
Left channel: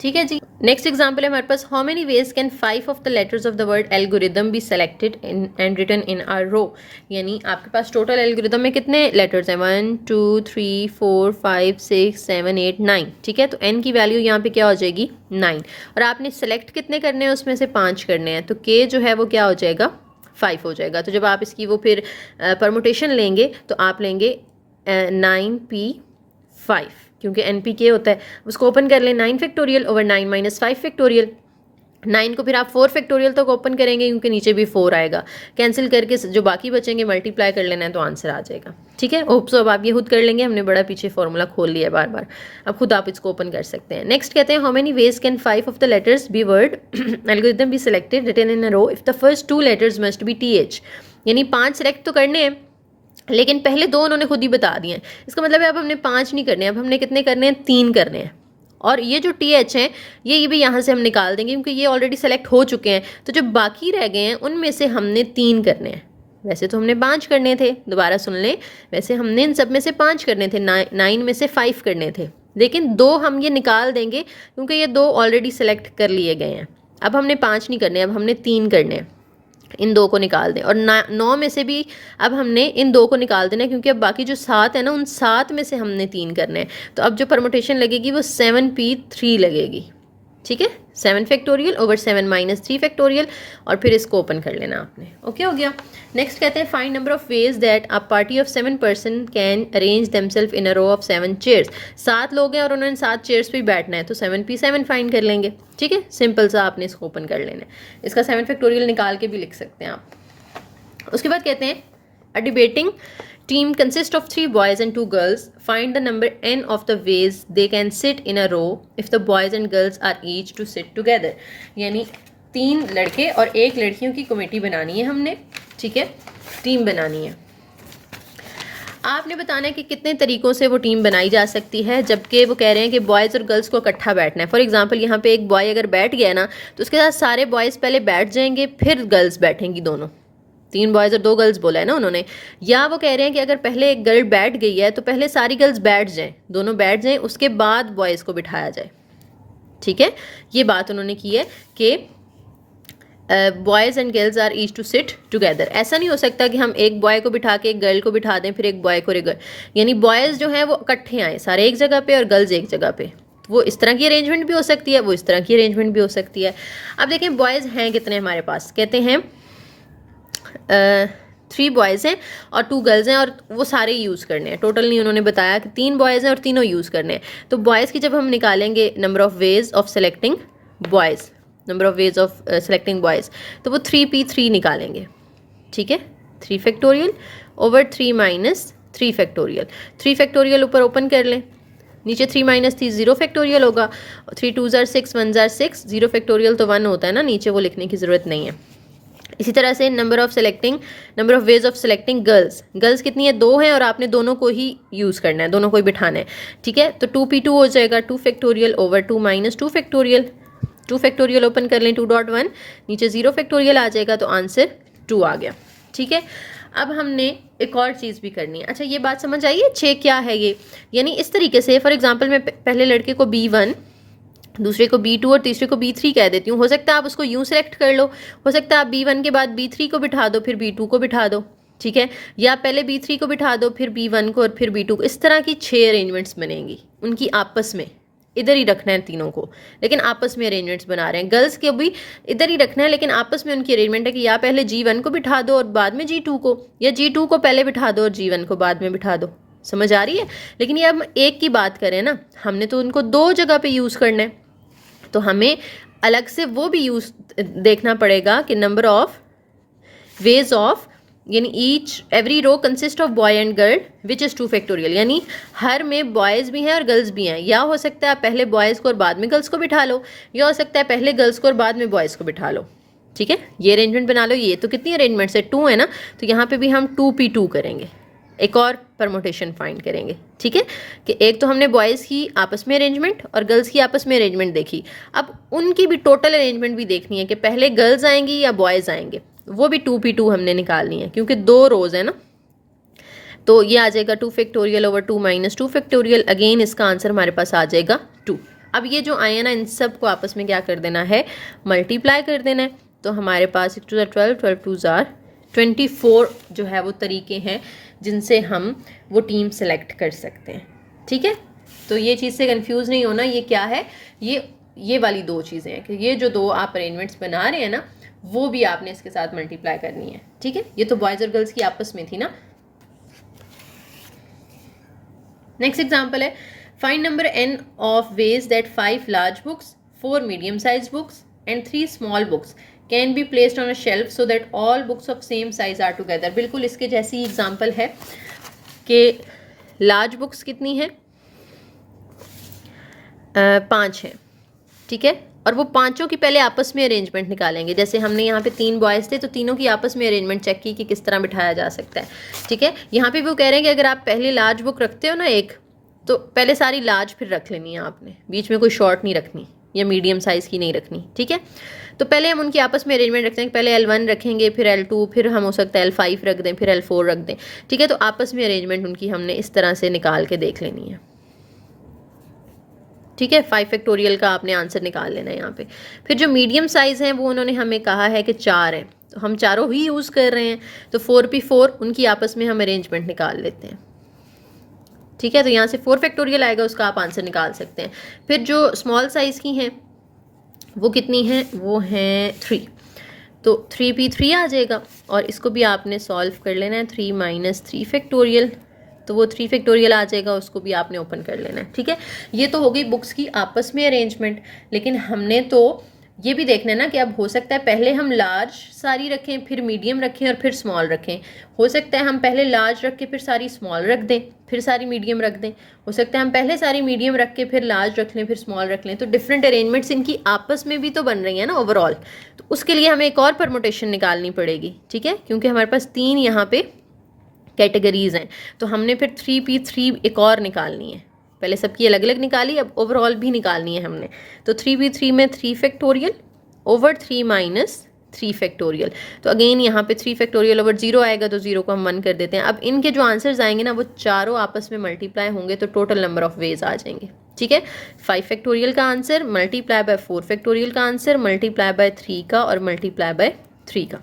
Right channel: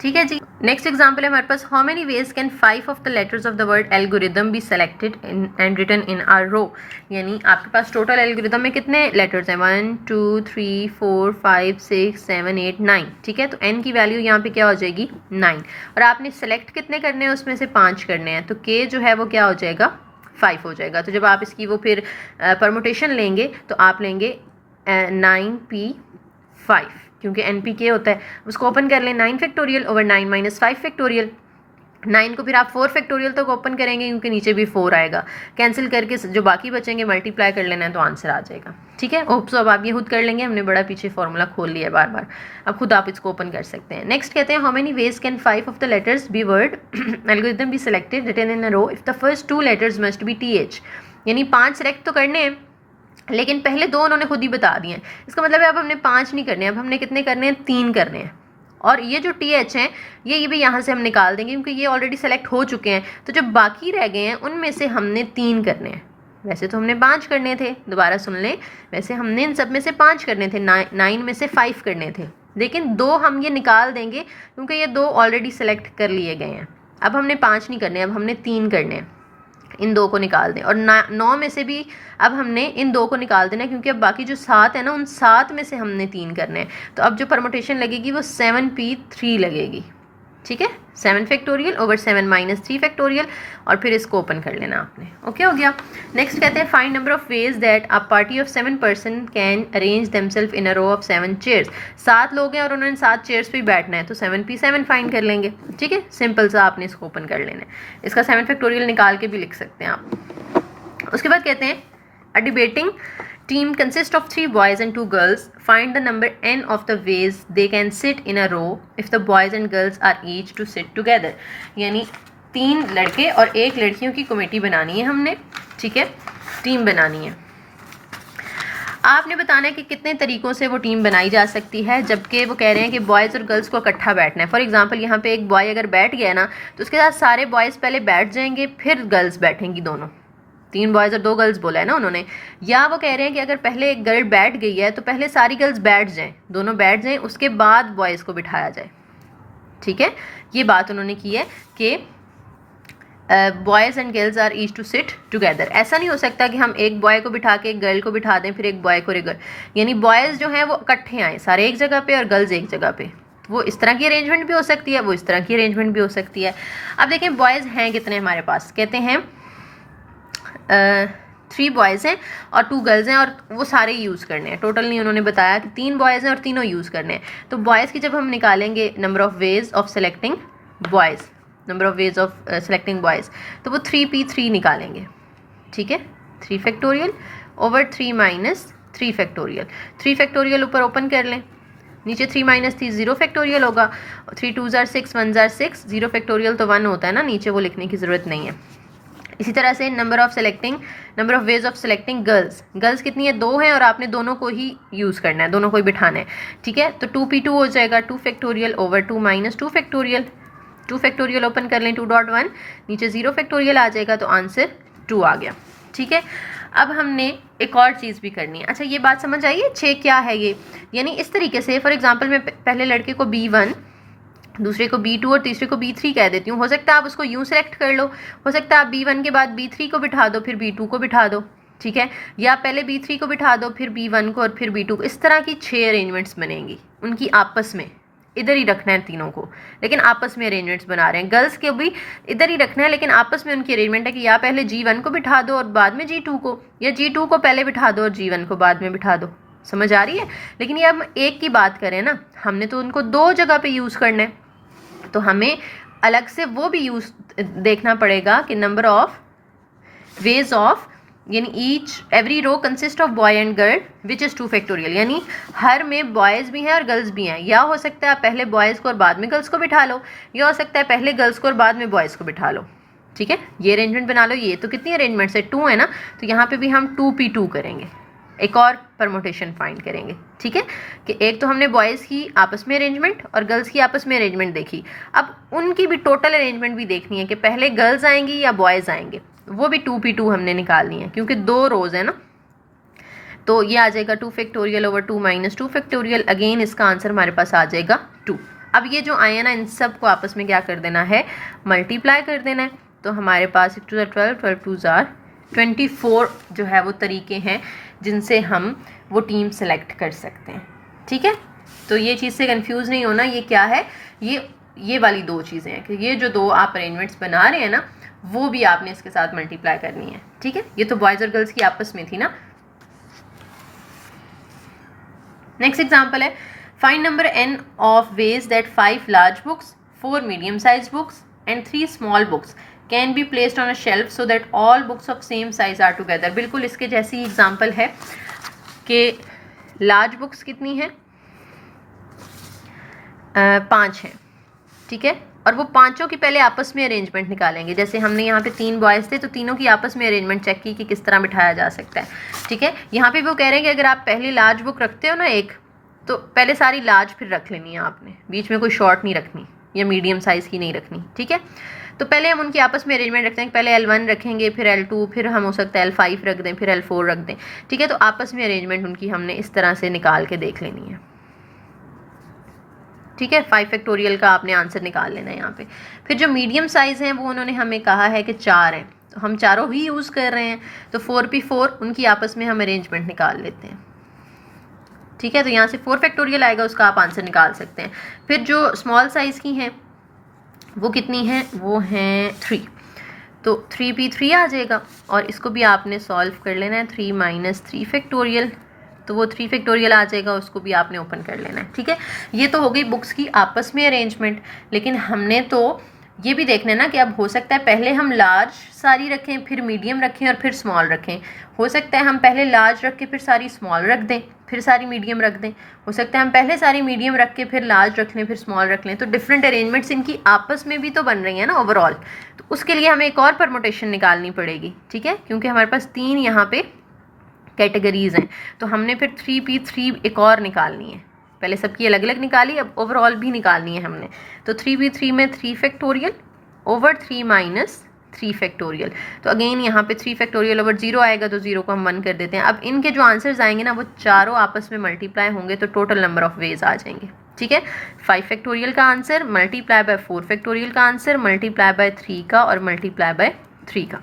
ठीक है जी। नेक्स्ट एग्जाम्पल है हमारे पास, how many ways can 5 of the letters of the word algorithm be selected and written in a row, यानी आपके पास total algorithm में कितने लेटर्स हैं, 1 2 3 4 5 6 7 8 9। ठीक है, तो n की वैल्यू यहाँ पे क्या हो जाएगी, 9, और आपने सेलेक्ट कितने करने हैं, उसमें से 5 करने हैं, तो k जो है वो क्या हो जाएगा, 5 हो जाएगा। तो जब आप इसकी वो फिर परमुटेशन लेंगे तो आप लेंगे 9p5, क्योंकि npk होता है, उसको ओपन कर लें, 9 फैक्टोरियल ओवर 9 - 5 फैक्टोरियल। 9 को फिर आप 4 फैक्टोरियल तक ओपन करेंगे क्योंकि नीचे भी 4 आएगा, कैंसिल करके जो बाकी बचेंगे मल्टीप्लाई कर लेना है, तो आंसर आ जाएगा। ठीक है, होप सो अब आप ये खुद कर लेंगे, हमने बड़ा पीछे फॉर्मूला खोल लिया है बार बार, अब खुद आप इसको ओपन कर सकते हैं। नेक्स्ट कहते हैं, how many ways can 5 of the letters be word algorithm be selected written in a row if the first 2 letters must be th, यानी 5 सेलेक्ट तो करने हैं, लेकिन पहले 2 उन्होंने खुद ही बता दिए हैं। इसका मतलब है अब हमने 5 नहीं करने, अब हमने कितने करने हैं, 3 करने हैं, और ये जो TH हैं ये भी यहाँ से हम निकाल देंगे क्योंकि ये ऑलरेडी सेलेक्ट हो चुके हैं, तो जो बाकी रह गए हैं उनमें से हमने 3 करने हैं। वैसे तो हमने 5 करने थे, दोबारा सुन लें, वैसे हमने इन सब में से 5 करने थे, 9 में से 5 करने थे, लेकिन 2 हम ये निकाल देंगे क्योंकि ये 2 ऑलरेडी सेलेक्ट कर लिए गए हैं। अब हमने 5 नहीं करने, अब हमने 3 करने हैं, इन 2 को निकाल दें, और 9 में से भी अब हमने इन 2 को निकाल देना है क्योंकि अब बाकी जो 7 है ना, उन 7 में से हमने 3 करने हैं, तो अब जो परमुटेशन लगेगी वो 7p3 लगेगी। ठीक है, 7 फैक्टोरियल ओवर 7 - 3 फैक्टोरियल, और फिर इसको ओपन कर लेना आपने। ओके, हो गया। नेक्स्ट कहते हैं, find number of ways that a party of 7 person can arrange themselves in a row of 7 chairs. 7 लोग हैं और उन्होंने 7 चेयर्स पे बैठना है, तो 7p7 फाइंड कर लेंगे। ठीक है, सिंपल सा आपने इसको ओपन कर लेना है, इसका 7 फैक्टोरियल निकाल के भी लिख सकते हैं आप। उसके बाद कहते हैं, अ debating team consists of 3 boys and 2 girls. Find the number n of the ways they can sit in a row if the boys and girls are each to sit together. यानी 3 लड़के और 1 लड़कियों की कमेटी बनानी है हमने। ठीक है, टीम बनानी है। आपने बताना है कि कितने तरीक़ों से वो टीम बनाई जा सकती है, जबकि वो कह रहे हैं कि बॉयज़ और गर्ल्स को इकट्ठा बैठना है। फॉर एग्जांपल यहाँ पे एक बॉय अगर बैठ गया ना, तो उसके साथ सारे बॉयज़ पहले बैठ जाएंगे, फिर गर्ल्स बैठेंगी दोनों। 3 बॉयज़ और 2 गर्ल्स बोला है ना उन्होंने। या वो कह रहे हैं कि अगर पहले एक गर्ल बैठ गई है तो पहले सारी गर्ल्स बैठ जाएं, दोनों बैठ जाएं, उसके बाद बॉयज़ को बिठाया जाए। ठीक है, ये बात उन्होंने की है कि boys and girls are each to sit together. ऐसा नहीं हो सकता कि हम एक बॉय को बिठा के एक गर्ल को बिठा दें, फिर एक बॉय को एक गर्ल, यानी बॉयज़ जो हैं वो इकट्ठे आएँ सारे एक जगह पे और गर्ल्स एक जगह पे। वो इस तरह की अरेंजमेंट भी हो सकती है, वो इस तरह की अरेंजमेंट भी हो सकती है। अब देखें बॉयज़ हैं कितने हमारे पास, कहते हैं 3 बॉयज़ हैं और 2 गर्ल्स हैं और वो सारे यूज़ करने हैं, टोटल नहीं उन्होंने बताया कि 3 बॉयज़ हैं और तीनों यूज़ करने हैं। तो बॉयज़ की जब हम निकालेंगे number of ways of selecting boys, number of ways of selecting boys, तो वो 3p3 निकालेंगे, ठीक है। 3 factorial over 3 minus 3 factorial, 3 factorial ऊपर ओपन कर लें, नीचे 3 माइनस 3 0 फैक्टोरियल होगा, 3 2 जार 6 1 जार 6, 0 फैक्टोरियल तो 1 होता है ना, नीचे वो लिखने की ज़रूरत नहीं है। इसी तरह से number of ways of selecting girls, girls कितनी है, 2 है और आपने दोनों को ही यूज़ करना है, दोनों को ही बिठाना है, ठीक है। तो 2p2 हो जाएगा 2 factorial over 2 minus 2 factorial, 2 factorial open कर लें 2.1, नीचे 0 फैक्टोरियल आ जाएगा, तो आंसर 2 आ गया, ठीक है। अब हमने एक और चीज़ भी करनी है। अच्छा, ये बात समझ आई है 6 क्या है ये, यानी इस तरीके से फॉर एग्जांपल मैं पहले लड़के को B1, दूसरे को B2 और तीसरे को B3 कह देती हूँ। हो सकता है आप उसको यूँ सेलेक्ट कर लो, हो सकता है आप B1 के बाद B3 को बिठा दो फिर B2 को बिठा दो, ठीक है, या पहले B3 को बिठा दो फिर B1 को और फिर B2 को। इस तरह की 6 अरेंजमेंट्स बनेंगी, उनकी आपस में इधर ही रखना है तीनों को, लेकिन आपस में अरेंजमेंट्स बना रहे हैं। गर्ल्स के भी इधर ही रखना है, लेकिन आपस में उनकी अरेंजमेंट है कि या पहले G1 को बिठा दो और बाद में G2 को, या G2 को पहले बिठा दो और G1 को बाद में बिठा दो। समझ आ रही है। लेकिन ये हम एक की बात करें ना, हमने तो उनको 2 जगह पे यूज़ करना है, तो हमें अलग से वो भी यूज़ देखना पड़ेगा कि नंबर ऑफ वेज ऑफ, यानी every row consist of boy and girl which is 2 factorial, यानी हर में बॉयज़ भी हैं और गर्ल्स भी हैं। या हो सकता है आप पहले बॉयज़ को और बाद में गर्ल्स को बिठा लो, या हो सकता है पहले गर्ल्स को और बाद में बॉयज़ को बिठा लो, ठीक है। ये अरेंजमेंट बना लो। ये तो कितनी अरेंजमेंट्स है, 2 है ना, तो यहाँ पे भी हम 2p2 करेंगे, एक और परमोटेशन फाइंड करेंगे, ठीक है। कि एक तो हमने बॉयज़ की आपस में अरेंजमेंट और गर्ल्स की आपस में अरेंजमेंट देखी, अब उनकी भी टोटल अरेंजमेंट भी देखनी है कि पहले गर्ल्स आएंगी या बॉयज़ आएंगे, वो भी 2p2 हमने निकालनी है, क्योंकि 2 रोज़ है ना। तो ये आ जाएगा 2 factorial over 2 minus 2 factorial. Again इसका आंसर हमारे पास आ जाएगा 2। अब ये जो आए हैं ना, इन सब को आपस में क्या कर देना है, मल्टीप्लाई कर देना है। तो हमारे पास 6 2 12, 12 2 24 जो है वो तरीके हैं जिनसे हम वो टीम सेलेक्ट कर सकते हैं, ठीक है। तो ये चीज़ से कंफ्यूज नहीं होना, ये क्या है, ये वाली 2 चीज़ें हैं कि ये जो 2 आप अरेंजमेंट्स बना रहे हैं ना, वो भी आपने इसके साथ मल्टीप्लाई करनी है, ठीक है। ये तो बॉयज़ और गर्ल्स की आपस में थी ना। नेक्स्ट एग्जाम्पल है, find number n of ways that 5 large books, 4 medium size books and 3 small books can be placed on a shelf so that all books of same size are together. बिल्कुल इसके जैसी example है कि large books कितनी है, 5 है, ठीक है। और वो पांचों की पहले आपस में अरेंजमेंट निकालेंगे। जैसे हमने यहाँ पे 3 बॉयज़ थे तो तीनों की आपस में अरेंजमेंट चेक की कि किस तरह बिठाया जा सकता है, ठीक है। यहाँ पे वो कह रहे हैं कि अगर आप पहले लार्ज बुक रखते हो ना एक, तो पहले सारी लार्ज फिर रख लेनी है आपने, बीच में कोई शॉर्ट नहीं रखनी या मीडियम साइज़ की नहीं रखनी, ठीक है। तो पहले हम उनकी आपस में अरेंजमेंट रखते हैं, पहले L1 रखेंगे, फिर L2, फिर हम हो सकता है L5 रख दें, फिर L4 रख दें, ठीक है। तो आपस में अरेंजमेंट उनकी हमने इस तरह से निकाल के देख लेनी है, ठीक है। 5 फैक्टोरियल का आपने आंसर निकाल लेना है यहाँ पे। फिर जो मीडियम साइज़ हैं वो उन्होंने हमें कहा है कि 4 है, तो हम चारों ही यूज़ कर रहे हैं, तो 4p4 उनकी आपस में हम अरेंजमेंट निकाल लेते हैं, ठीक है। तो यहाँ से 4 फैक्टोरियल आएगा, उसका आप आंसर निकाल सकते हैं। फिर जो स्मॉल साइज़ की हैं वो कितनी हैं, वो हैं 3, तो 3p3 आ जाएगा और इसको भी आपने सॉल्व कर लेना है, 3 माइनस 3 फैक्टोरियल, तो वो 3 फैक्टोरियल आ जाएगा, उसको भी आपने ओपन कर लेना है, ठीक है। ये तो हो गई बुक्स की आपस में अरेंजमेंट, लेकिन हमने तो ये भी देखना है ना कि अब हो सकता है पहले हम लार्ज सारी रखें, फिर मीडियम रखें और फिर स्मॉल रखें। हो सकता है हम पहले लार्ज रख के फिर सारी स्मॉल रख दें, फिर सारी मीडियम रख दें। हो सकता है हम पहले सारी मीडियम रख के फिर लार्ज रख लें, फिर स्मॉल रख लें। तो डिफरेंट अरेंजमेंट्स इनकी आपस में भी तो बन रही हैं ना ओवरऑल। तो उसके लिए हमें एक और परमुटेशन निकालनी पड़ेगी, ठीक है, क्योंकि हमारे पास 3 यहाँ पे कैटेगरीज हैं। तो हमने फिर 3p3 एक और निकालनी है, पहले सबकी अलग अलग निकाली, अब ओवरऑल भी निकालनी है हमने। तो 3p3 में 3 फैक्टोरियल ओवर 3 माइनस 3 फैक्टोरियल, तो अगेन यहाँ पे 3 फैक्टोरियल ओवर 0 आएगा, तो 0 को हम 1 कर देते हैं। अब इनके जो आंसर्स आएंगे ना वो चारों आपस में मल्टीप्लाई होंगे, तो टोटल नंबर ऑफ वेज आ जाएंगे, ठीक है। 5 फैक्टोरियल का आंसर मल्टीप्लाई बाय 4 फैक्टोरियल का आंसर मल्टीप्लाई बाय 3 का और मल्टीप्लाई बाय 3 का।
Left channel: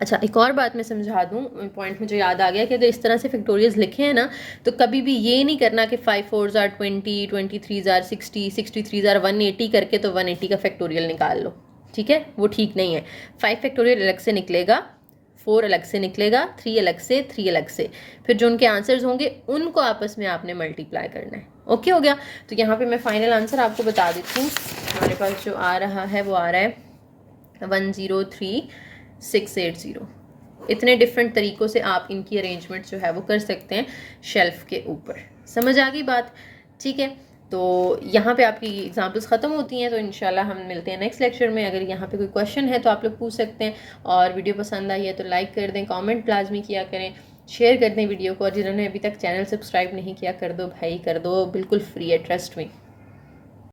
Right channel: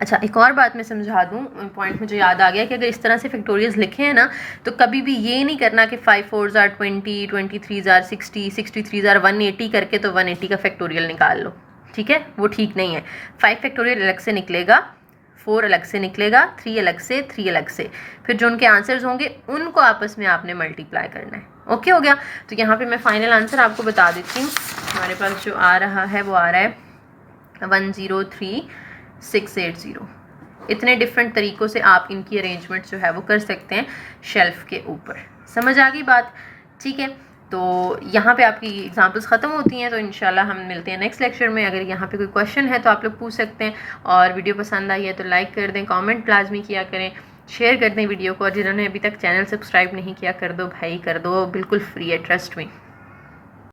अच्छा, एक और बात मैं समझा दूँ, पॉइंट मुझे याद आ गया कि अगर इस तरह से फैक्टोरियल्स लिखे हैं ना, तो कभी भी ये नहीं करना कि 5 4 जार 20, 23 जार 60, 63 जार 180 करके तो 180 का फैक्टोरियल निकाल लो, ठीक है, वो ठीक नहीं है। 5 फैक्टोरियल अलग से निकलेगा, 4 अलग से निकलेगा, 3 अलग से, 3 अलग से, फिर जो उनके आंसर्स होंगे उनको आपस में आपने मल्टीप्लाई करना है। ओके हो गया। तो यहाँ पे मैं फाइनल आंसर आपको बता देती हूँ। हमारे पास जो आ रहा है वो आ रहा है 103680। इतने डिफरेंट तरीक़ों से आप इनकी अरेंजमेंट जो है वो कर सकते हैं शेल्फ़ के ऊपर। समझ आ गई बात? ठीक है, तो यहाँ पे आपकी एग्जांपल्स ख़त्म होती हैं। तो इंशाल्लाह हम मिलते हैं नेक्स्ट लेक्चर में। अगर यहाँ पे कोई क्वेश्चन है तो आप लोग पूछ सकते हैं, और वीडियो पसंद आई है तो लाइक कर दें, कमेंट लाजमी किया करें, शेयर कर दें वीडियो को, और जिन्होंने अभी तक चैनल सब्सक्राइब नहीं किया कर दो भाई, कर दो, बिल्कुल फ्री है, ट्रस्ट में।